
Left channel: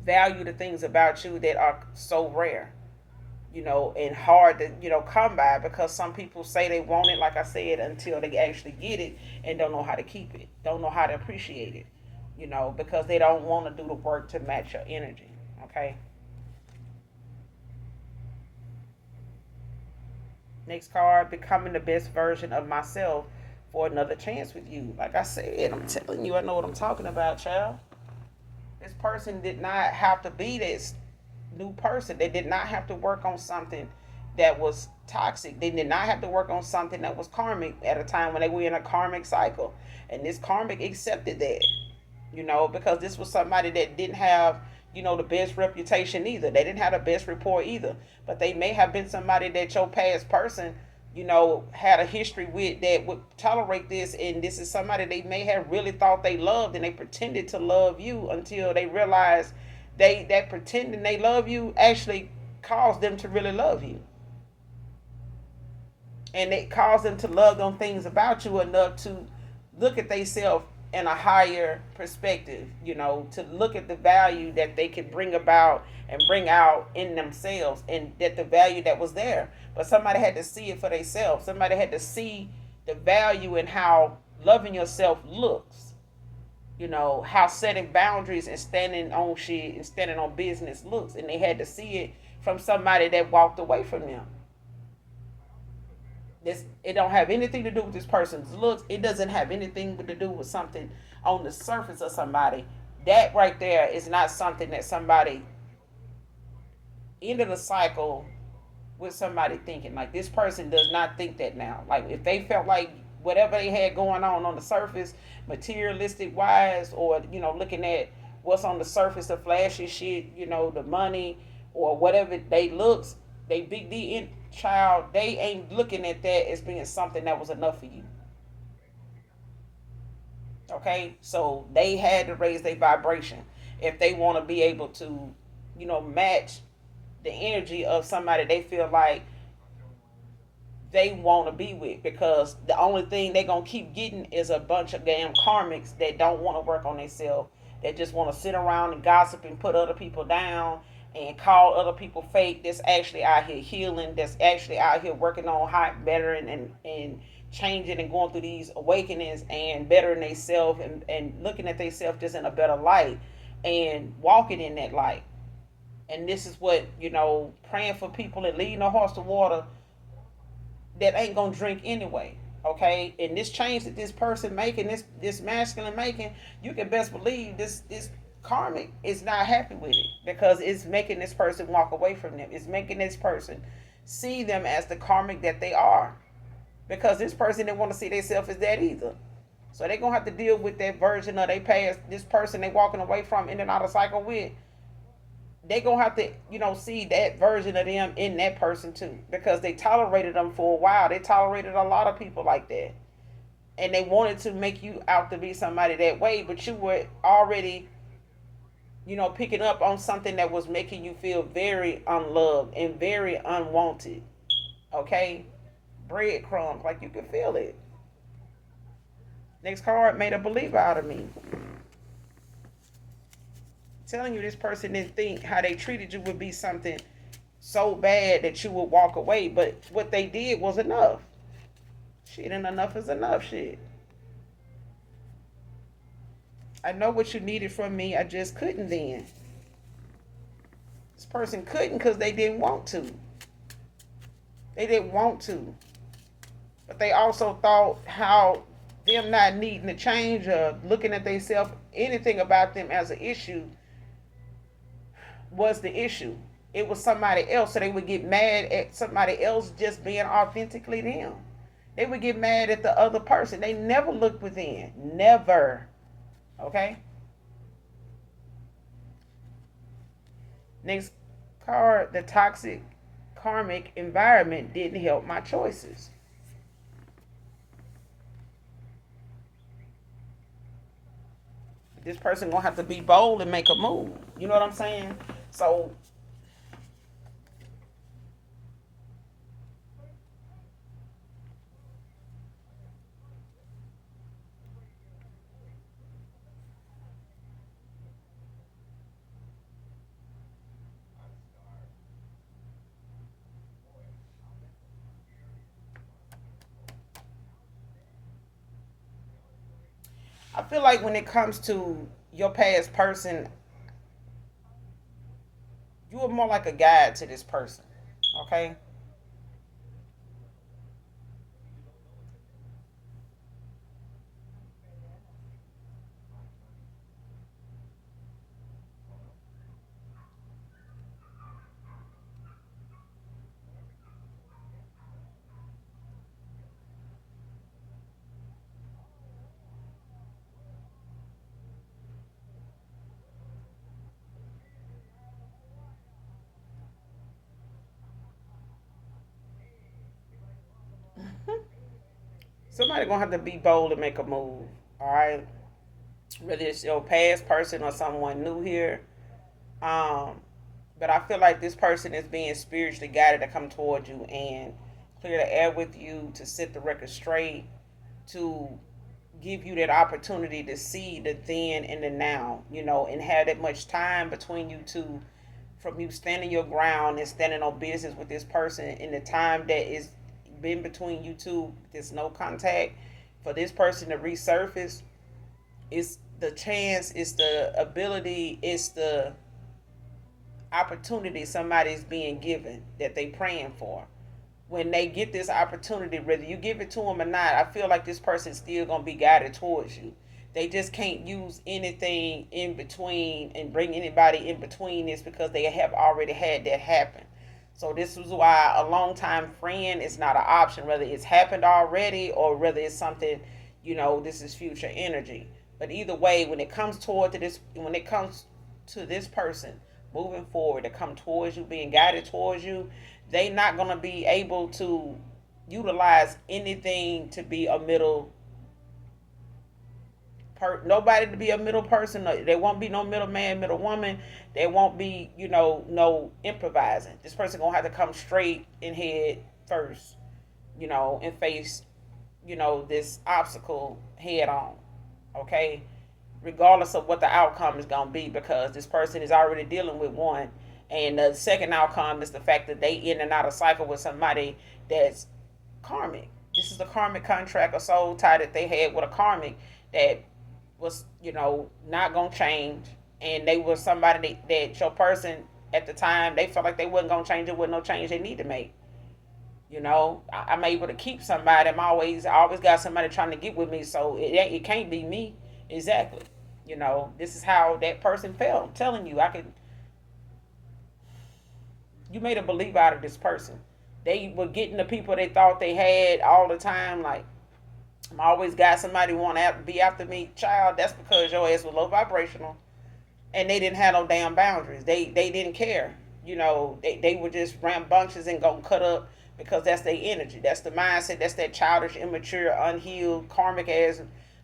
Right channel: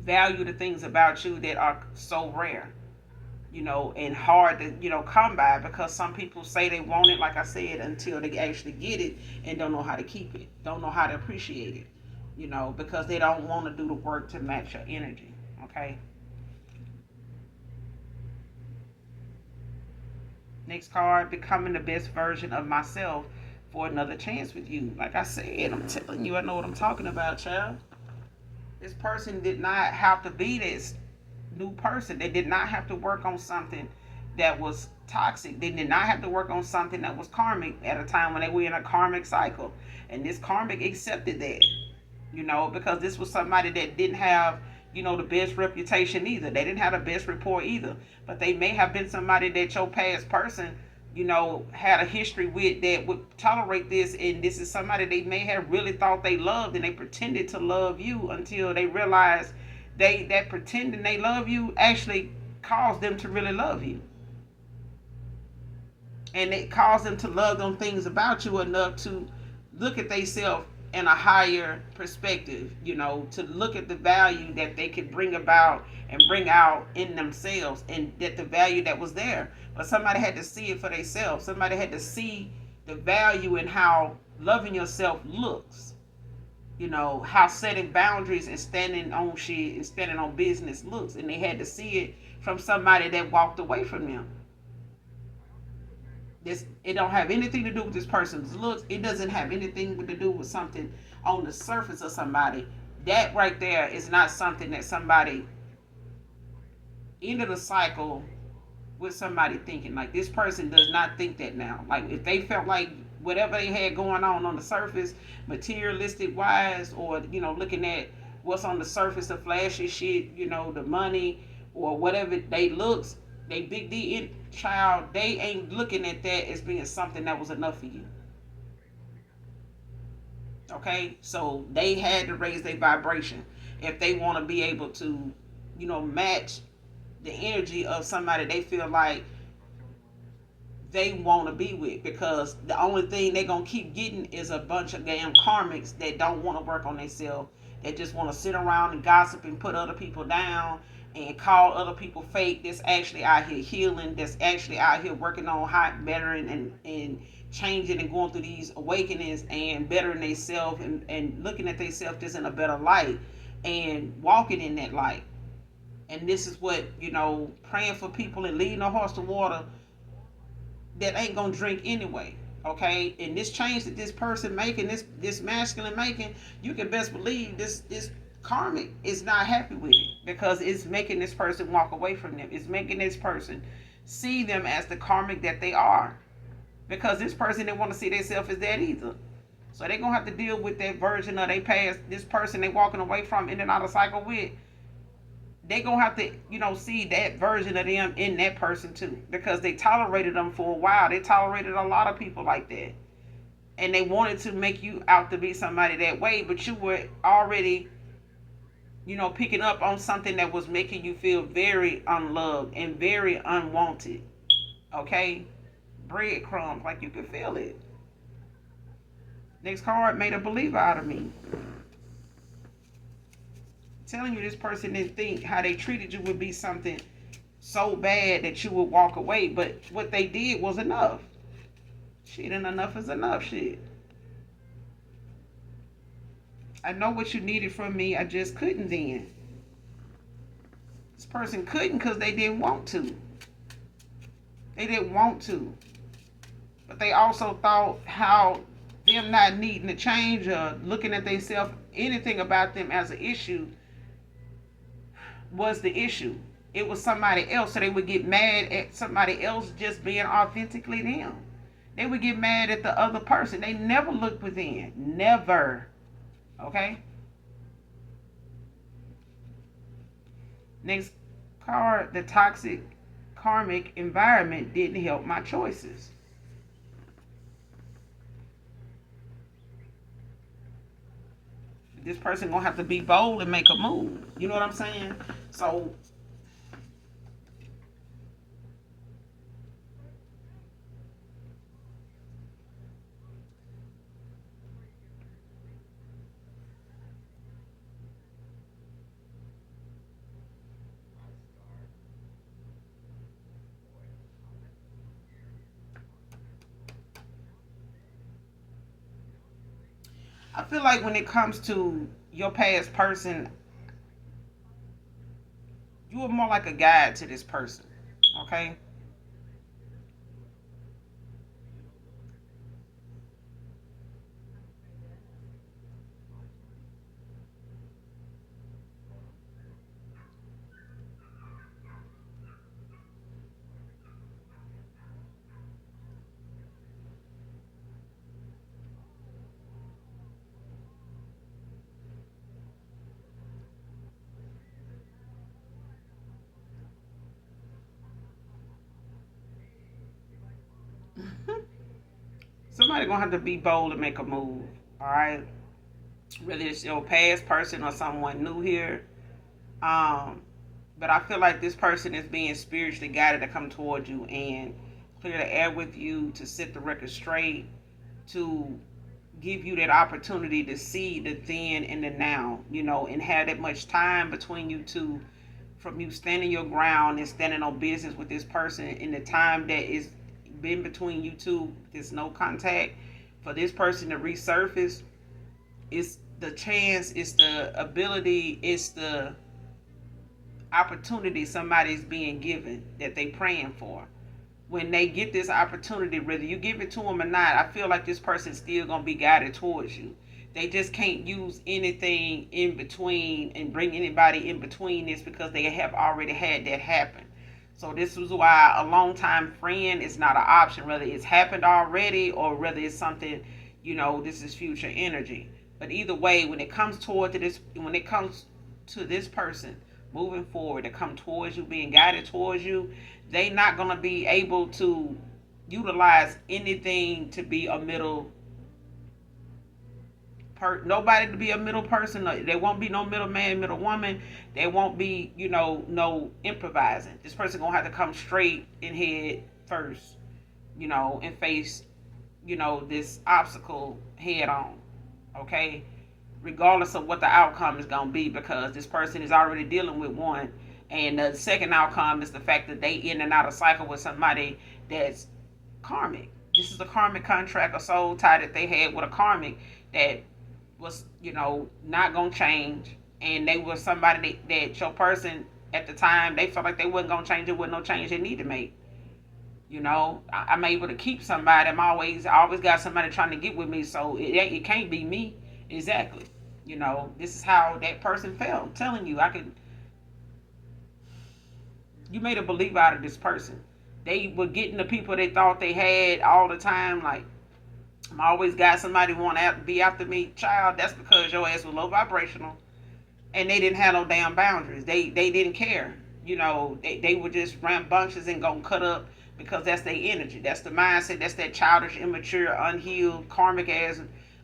value the things about you that are so rare, and hard to, come by, because some people say they want it, like I said, until they actually get it and don't know how to keep it, don't know how to appreciate it, because they don't want to do the work to match your energy. Okay. Next card, becoming the best version of myself for another chance with you. Like I said, I'm telling you, I know what I'm talking about, child. This person did not have to be this new person. They did not have to work on something that was toxic. They did not have to work on something that was karmic at a time when they were in a karmic cycle. And this karmic accepted that, because this was somebody that didn't have, the best reputation either. They didn't have the best rapport either. But they may have been somebody that your past person, had a history with that would tolerate this. And this is somebody they may have really thought they loved, and they pretended to love you until they realized they that pretending they love you actually cause them to really love you, and it cause them to love them things about you enough to look at themselves in a higher perspective, to look at the value that they can bring about and bring out in themselves, and that the value that was there. But somebody had to see it for themselves. Somebody had to see the value in how loving yourself looks. How setting boundaries and standing on shit and standing on business looks. And they had to see it from somebody that walked away from them. It don't have anything to do with this person's looks. It doesn't have anything to do with something on the surface of somebody. That right there is not something that somebody ended a cycle with somebody thinking. Like, this person does not think that now. Like, if they felt like whatever they had going on the surface, materialistic wise, or looking at what's on the surface of flashy shit, the money or whatever they looks, they big D in child, they ain't looking at that as being something that was enough for you. Okay, so they had to raise their vibration if they want to be able to, match the energy of somebody they feel like they want to be with, because the only thing they gonna keep getting is a bunch of damn karmics that don't want to work on themselves, that just want to sit around and gossip and put other people down and call other people fake, that's actually out here healing, that's actually out here working on hot bettering and changing and going through these awakenings and bettering themselves, and looking at themselves just in a better light and walking in that light. And this is what, praying for people and leading a horse to water that ain't gonna drink anyway. Okay, and this change that this person making, this masculine making, you can best believe this karmic is not happy with it, because it's making this person walk away from them. It's making this person see them as the karmic that they are, because this person didn't want to see themselves as that either. So they're gonna have to deal with that version of they past, this person they walking away from in and out of cycle with. They gonna have to, see that version of them in that person too, because they tolerated them for a while. They tolerated a lot of people like that, and they wanted to make you out to be somebody that way, but you were already, picking up on something that was making you feel very unloved and very unwanted. Okay, breadcrumbs, like you can feel it. Next card, made a believer out of me. Telling you, this person didn't think how they treated you would be something so bad that you would walk away, but what they did was enough. Shit, and enough is enough. Shit. I know what you needed from me. I just couldn't then. This person couldn't because they didn't want to. They didn't want to. But they also thought how them not needing to change or looking at themselves, anything about them as an issue, was the issue. It was somebody else, so they would get mad at somebody else just being authentically them. They would get mad at the other person. They never looked within. Never. Okay? Next card, the toxic karmic environment didn't help my choices. This person gonna have to be bold and make a move. You know what I'm saying? So I feel like when it comes to your past person, you are more like a guide to this person. Okay? Somebody gonna have to be bold and make a move. All right? Whether it's your past person or someone new here, Um, but I feel like this person is being spiritually guided to come towards you and clear the air with you, to set the record straight, to give you that opportunity to see the then and the now, and have that much time between you two, from you standing your ground and standing on business with this person in the time that is been between you two. There's no contact for this person to resurface. It's the chance, it's the ability, it's the opportunity somebody's being given that they praying for. When they get this opportunity, whether you give it to them or not, I feel like this person's still gonna be guided towards you. They just can't use anything in between and bring anybody in between this, because they have already had that happen. So this is why a long time friend is not an option, whether it's happened already or whether it's something, this is future energy. But either way, when it comes to this person moving forward, to come towards you, being guided towards you, they not gonna be able to utilize anything to be a middle nobody to be a middle person. There won't be no middle man, middle woman. There won't be, no improvising. This person gonna have to come straight in head first, and face, this obstacle head on. Okay, regardless of what the outcome is gonna be, because this person is already dealing with one, and the second outcome is the fact that they in and out of cycle with somebody that's karmic. This is a karmic contract, a soul tie that they had with a karmic that was, not gonna change. And they were somebody that your person at the time, they felt like they wasn't gonna change. It wasn't no change they need to make. I'm able to keep somebody. I always got somebody trying to get with me, so it can't be me. Exactly. This is how that person felt. I'm telling you, you made a believer out of this person. They were getting the people they thought they had all the time. Like, I'm always got somebody want to be after me. Child, that's because your ass was low vibrational, and they didn't have no damn boundaries. They didn't care. They were just rambunctious and gonna cut up because that's their energy. That's the mindset. That's that childish, immature, unhealed, karmic ass,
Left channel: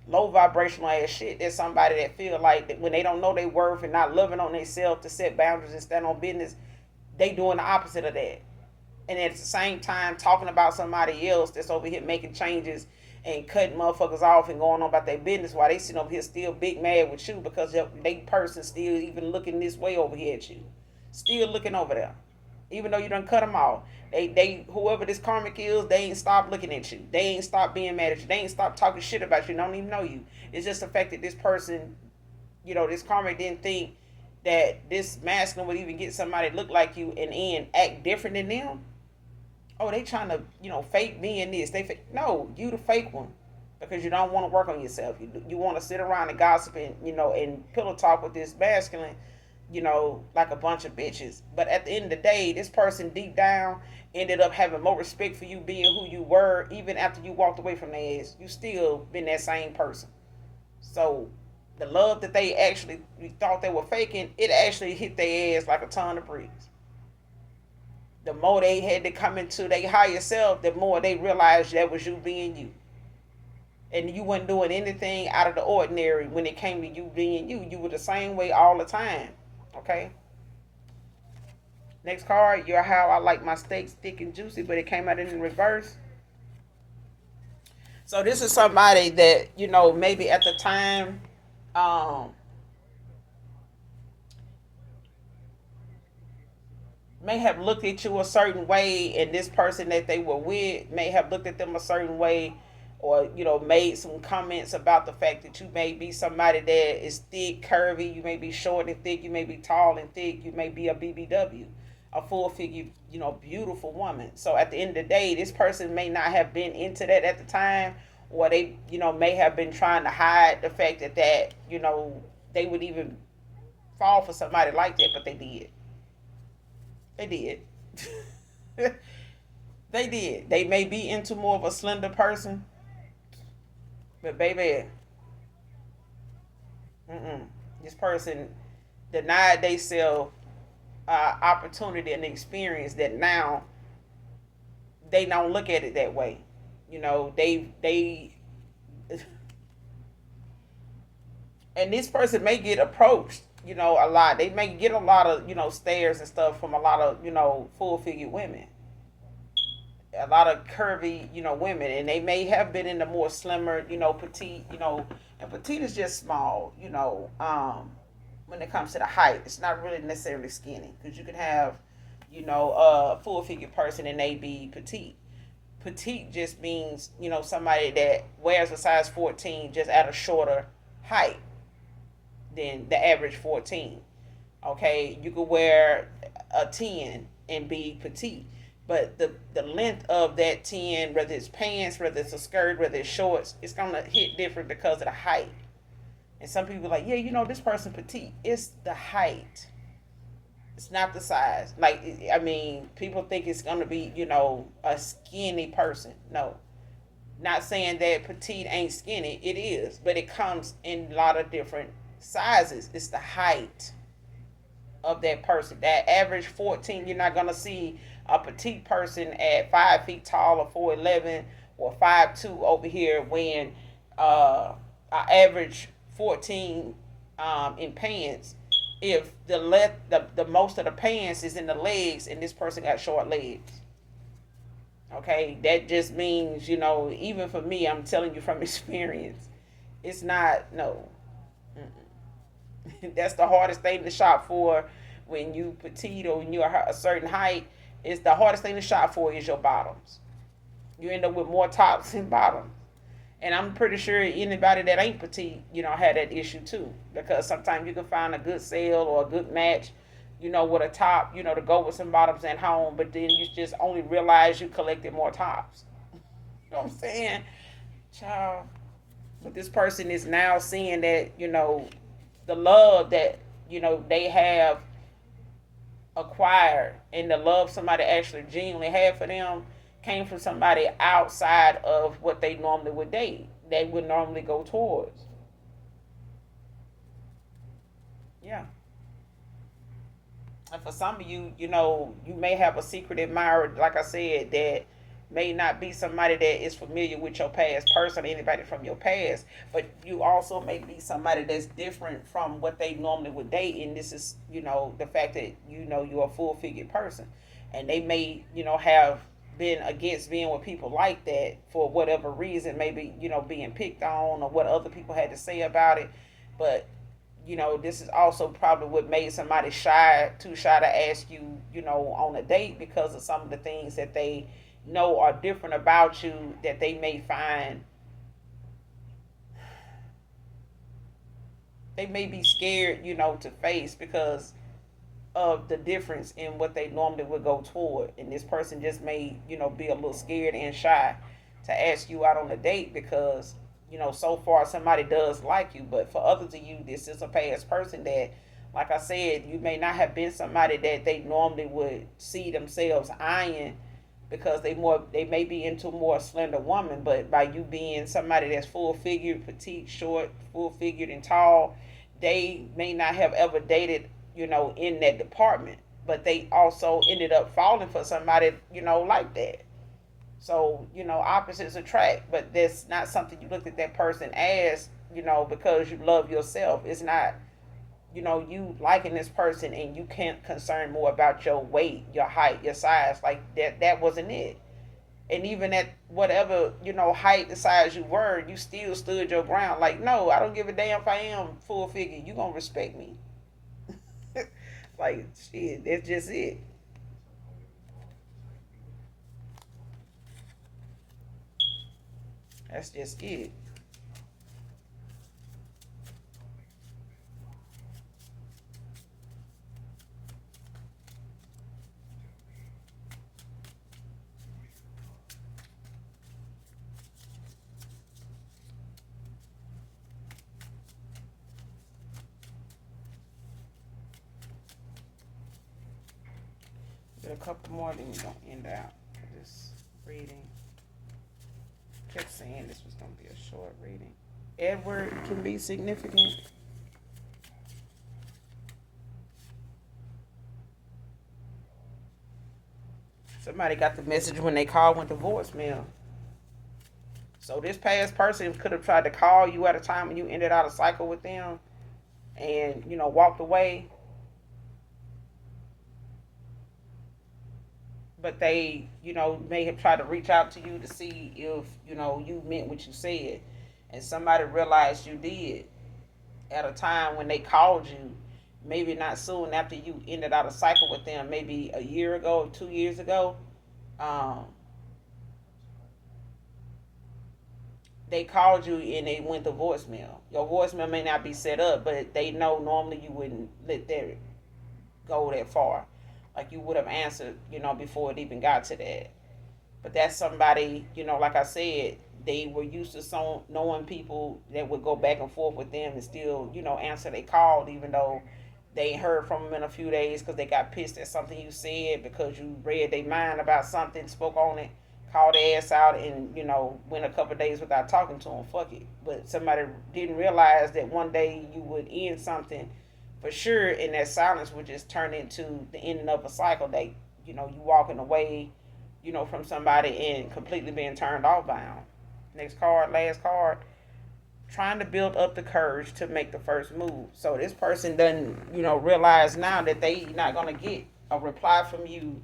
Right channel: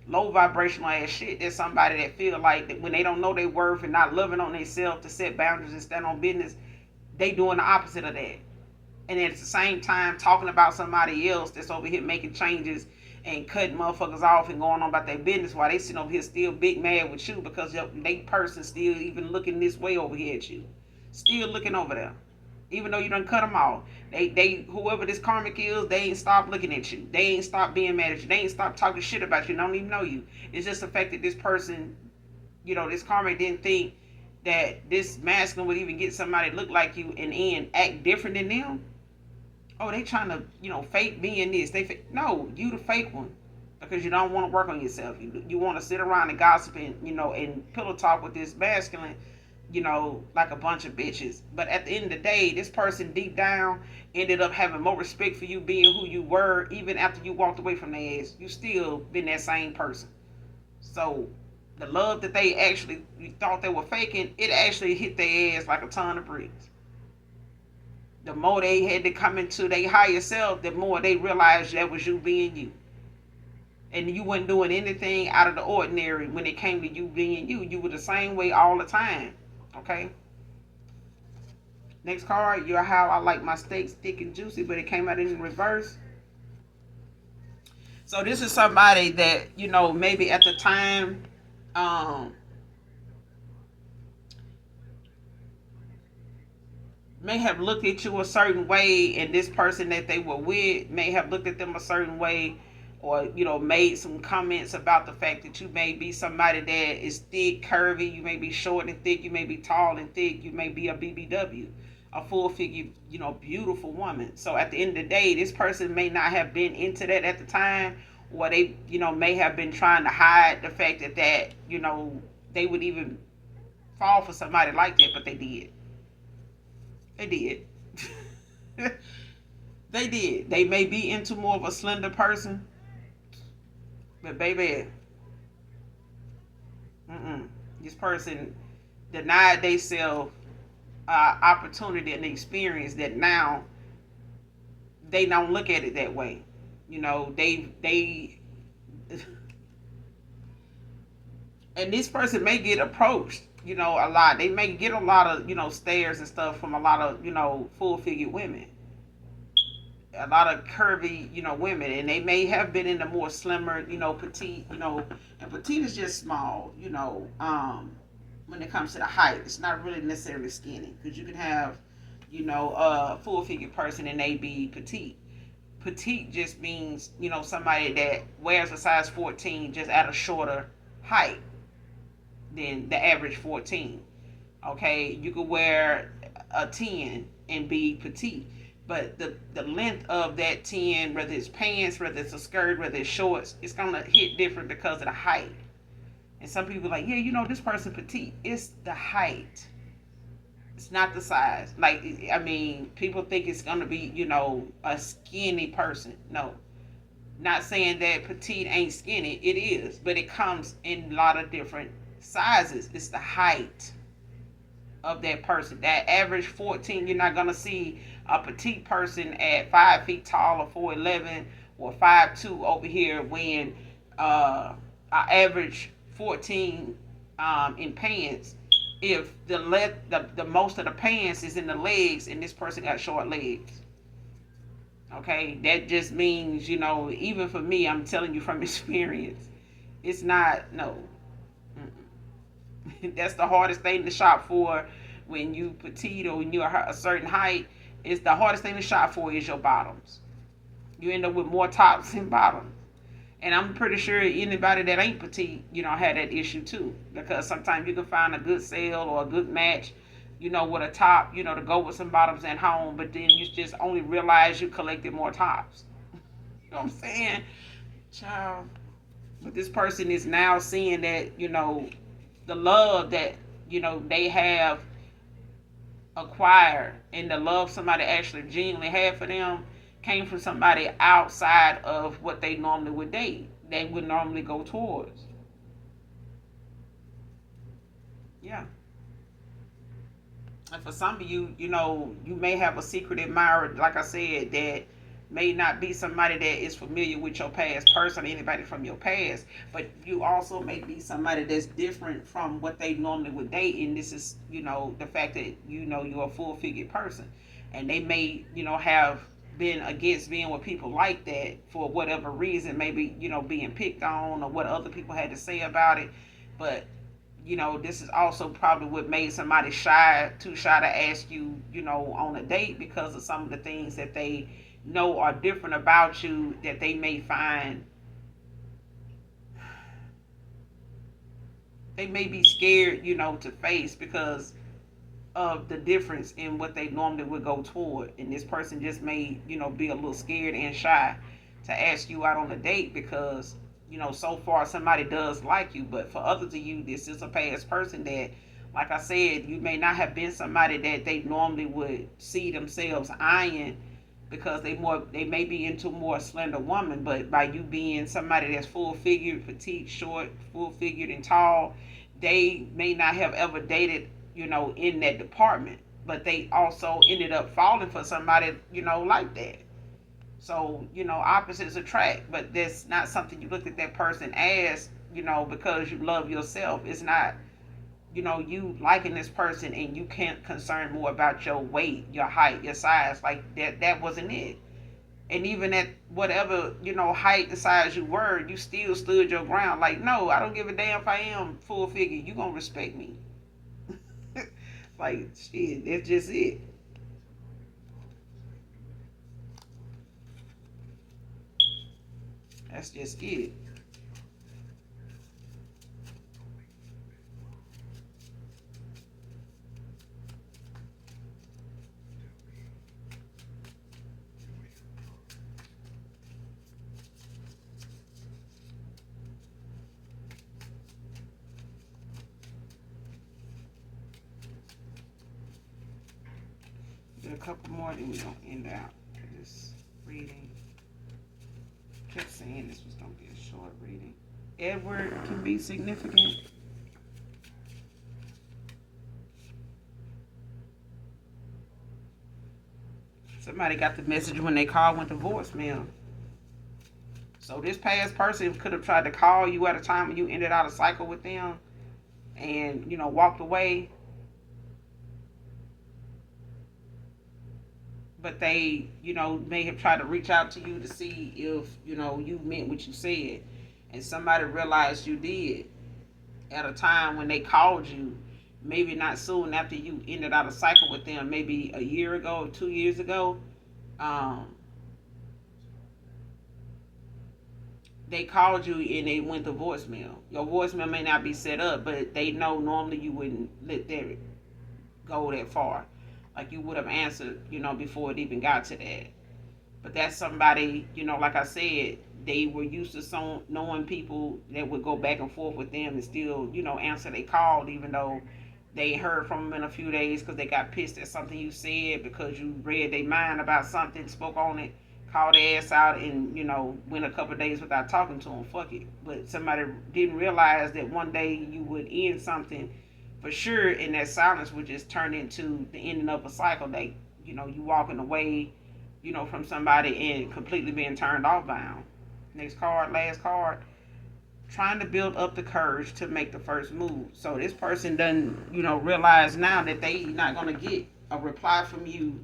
low vibrational ass shit. There's somebody that feel like that when they don't know their worth and not loving on themselves to set boundaries and stand on business, they doing the opposite of that. And at the same time talking about somebody else that's over here making changes and cutting motherfuckers off and going on about their business, while they sitting over here still big mad with you because they person still even looking this way over here at you, still looking over there, even though you done cut them off. They whoever this karmic is, they ain't stopped looking at you. They ain't stopped being mad at you. They ain't stopped talking shit about you. They don't even know you. It's just the fact that this person, this karmic didn't think that this masculine would even get somebody to look like you and then act different than them. Oh, they trying to, fake me in this. No, you the fake one, because you don't want to work on yourself. You want to sit around and gossip and, and pillow talk with this masculine, like a bunch of bitches. But at the end of the day, this person deep down ended up having more respect for you being who you were, even after you walked away from their ass. You still been that same person. So the love that they actually thought they were faking, it actually hit their ass like a ton of bricks. The more they had to come into their higher self, the more they realized that was you being you. And you weren't doing anything out of the ordinary when it came to you being you. You were the same way all the time. Okay? Next card, you're how I like my steaks thick and juicy, but it came out in reverse. So this is somebody that, maybe at the time, may have looked at you a certain way, and this person that they were with may have looked at them a certain way, or made some comments about the fact that you may be somebody that is thick, curvy, you may be short and thick, you may be tall and thick, you may be a BBW, a full figure, beautiful woman. So at the end of the day, this person may not have been into that at the time, or they may have been trying to hide the fact that they would even fall for somebody like that, but they did. They did. They did. They may be into more of a slender person, but baby, this person denied themselves opportunity and experience that now they don't look at it that way. They and this person may get approached a lot. They may get a lot of, stares and stuff from a lot of, full figure women, a lot of curvy, women, and they may have been in the more slimmer, petite, and petite is just small, when it comes to the height. It's not really necessarily skinny, because you can have, a full figure person and they be petite. Petite just means, somebody that wears a size 14 just at a shorter height than the average 14. Okay, you could wear a 10 and be petite, but the length of that 10, whether it's pants, whether it's a skirt, whether it's shorts, it's gonna hit different because of the height. And some people are like, yeah, this person petite. It's the height. It's not the size. Like, I mean, people think it's gonna be, a skinny person. No, not saying that petite ain't skinny. It is, but it comes in a lot of different sizes. It's the height of that person. That average 14, you're not gonna see a petite person at 5 feet tall or 4'11" or 5'2" over here when an average 14 in pants. If the most of the pants is in the legs and this person got short legs. Okay, that just means, even for me, I'm telling you from experience, it's not, no. That's the hardest thing to shop for when you petite or when you're a certain height. Is the hardest thing to shop for is your bottoms. You end up with more tops than bottoms. And I'm pretty sure anybody that ain't petite, had that issue too. Because sometimes you can find a good sale or a good match, with a top, to go with some bottoms at home, but then you just only realize you collected more tops. You know what I'm saying? Child. But this person is now seeing that, the love that, they have acquired and the love somebody actually genuinely had for them came from somebody outside of what they normally would date. They would normally go towards. Yeah. And for some of you, you may have a secret admirer, like I said, that may not be somebody that is familiar with your past person, anybody from your past, but you also may be somebody that's different from what they normally would date. And this is, the fact that, you're a full figured person. And they may, have been against being with people like that for whatever reason, maybe, being picked on or what other people had to say about it. But this is also probably what made somebody too shy to ask you, on a date, because of some of the things that they know are different about you that they may find, they may be scared, to face because of the difference in what they normally would go toward. And this person just may, be a little scared and shy to ask you out on a date because, so far somebody does like you. But for others of you, this is a past person that, like I said, you may not have been somebody that they normally would see themselves eyeing because they may be into more slender woman, but by you being somebody that's full figured, petite, short, full figured, and tall, they may not have ever dated, in that department, but they also ended up falling for somebody, like that. So, opposites attract, but that's not something you look at that person as, because you love yourself. It's not, you liking this person and you can't concern more about your weight, your height, your size. Like that wasn't it. And even at whatever, height and size you were, you still stood your ground. Like, no, I don't give a damn if I am full figure. You gonna respect me. Like, shit, that's just it. That's just it. Get a couple more, then we're gonna end out this reading. Kept saying this was gonna be a short reading. Edward can be significant. Somebody got the message when they called, went to voicemail. So this past person could have tried to call you at a time when you ended out a cycle with them. and walked away, but they may have tried to reach out to you to see if you meant what you said, and somebody realized you did at a time when they called you, maybe not soon after you ended out a cycle with them, maybe a year ago, 2 years ago. um, they called you and they went to voicemail. Your voicemail may not be set up, but they know normally you wouldn't let that go that far. Like you would have answered, before it even got to that. But that's somebody, like I said, they were used to knowing people that would go back and forth with them and still, answer they called, even though they heard from them in a few days because they got pissed at something you said because you read their mind about something, spoke on it, called their ass out, and went a couple of days without talking to them. Fuck it. But somebody didn't realize that one day you would end something for sure, and that silence would just turn into the ending of a cycle. That you walking away, from somebody and completely being turned off by them. Next card, last card. Trying to build up the courage to make the first move. So this person doesn't, realize now that they not gonna get a reply from you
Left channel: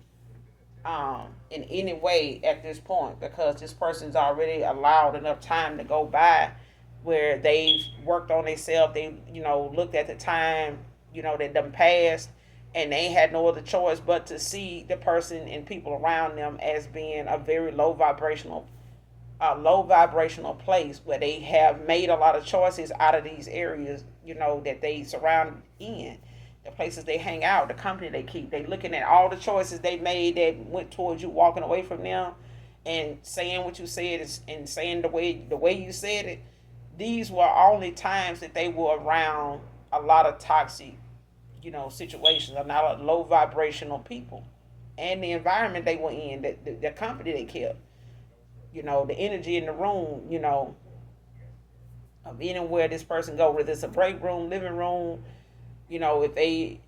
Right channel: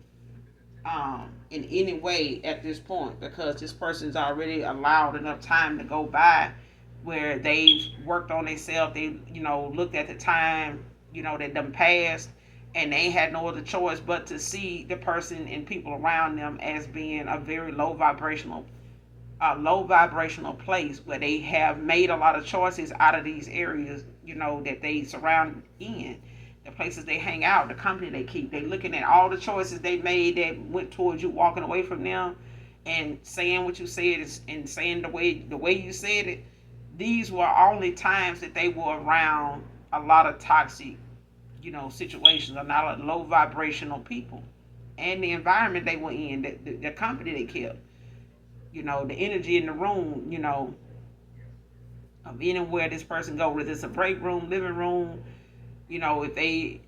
in any way at this point because this person's already allowed enough time to go by where they've worked on themselves. They, looked at the time, that them passed, and they had no other choice but to see the person and people around them as being a very low vibrational place where they have made a lot of choices out of these areas, that they surround in, the places they hang out, the company they keep. They looking at all the choices they made that went towards you walking away from them and saying what you said and saying the way you said it. These were only times that they were around a lot of toxic, situations, a lot of low vibrational people, and the environment they were in, the company they kept, the energy in the room, of anywhere this person go, whether it's a break room, living room, if the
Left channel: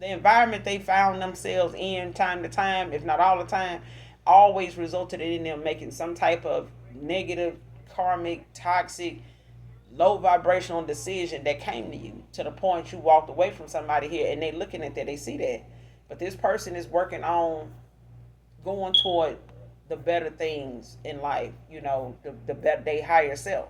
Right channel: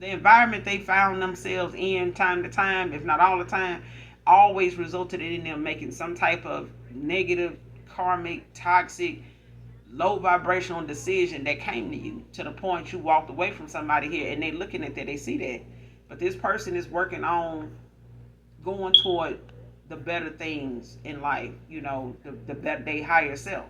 environment they found themselves in time to time, if not all the time, always resulted in them making some type of negative, karmic, toxic, low vibrational decision that came to you to the point you walked away from somebody here and they looking at that, they see that. But this person is working on going toward the better things in life, the better, they higher self.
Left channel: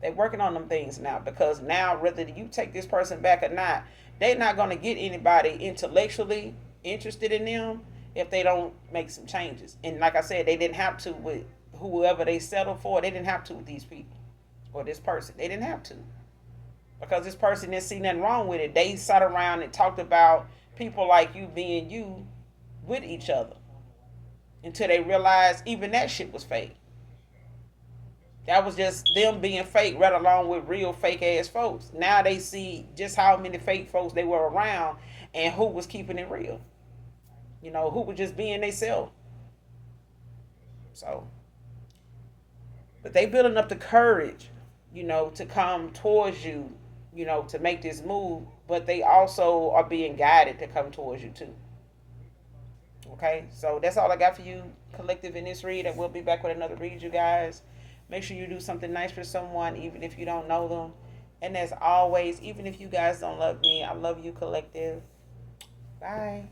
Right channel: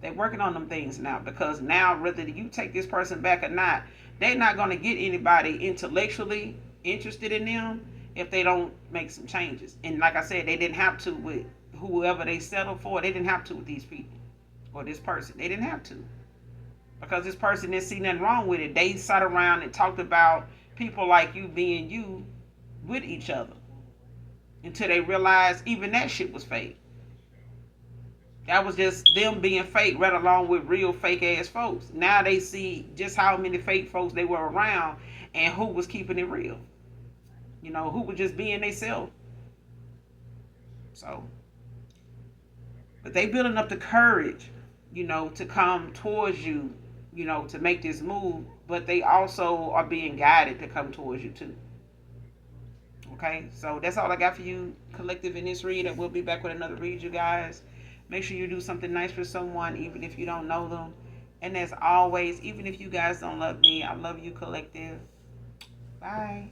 They're working on them things now because now whether you take this person back or not, they're not going to get anybody intellectually interested in them if they don't make some changes. And like I said, they didn't have to with whoever they settled for. They didn't have to with these people or this person. They didn't have to because this person didn't see nothing wrong with it. They sat around and talked about people like you being you with each other until they realized even that shit was fake. That was just them being fake right along with real fake ass folks. Now they see just how many fake folks they were around and who was keeping it real. Who was just being themselves. So, but they building up the courage, to come towards you, to make this move, but they also are being guided to come towards you too. Okay, so that's all I got for you, collective, in this read, and we'll be back with another read, you guys. Make sure you do something nice for someone, even if you don't know them. And as always, even if you guys don't love me, I love you, collective. Bye.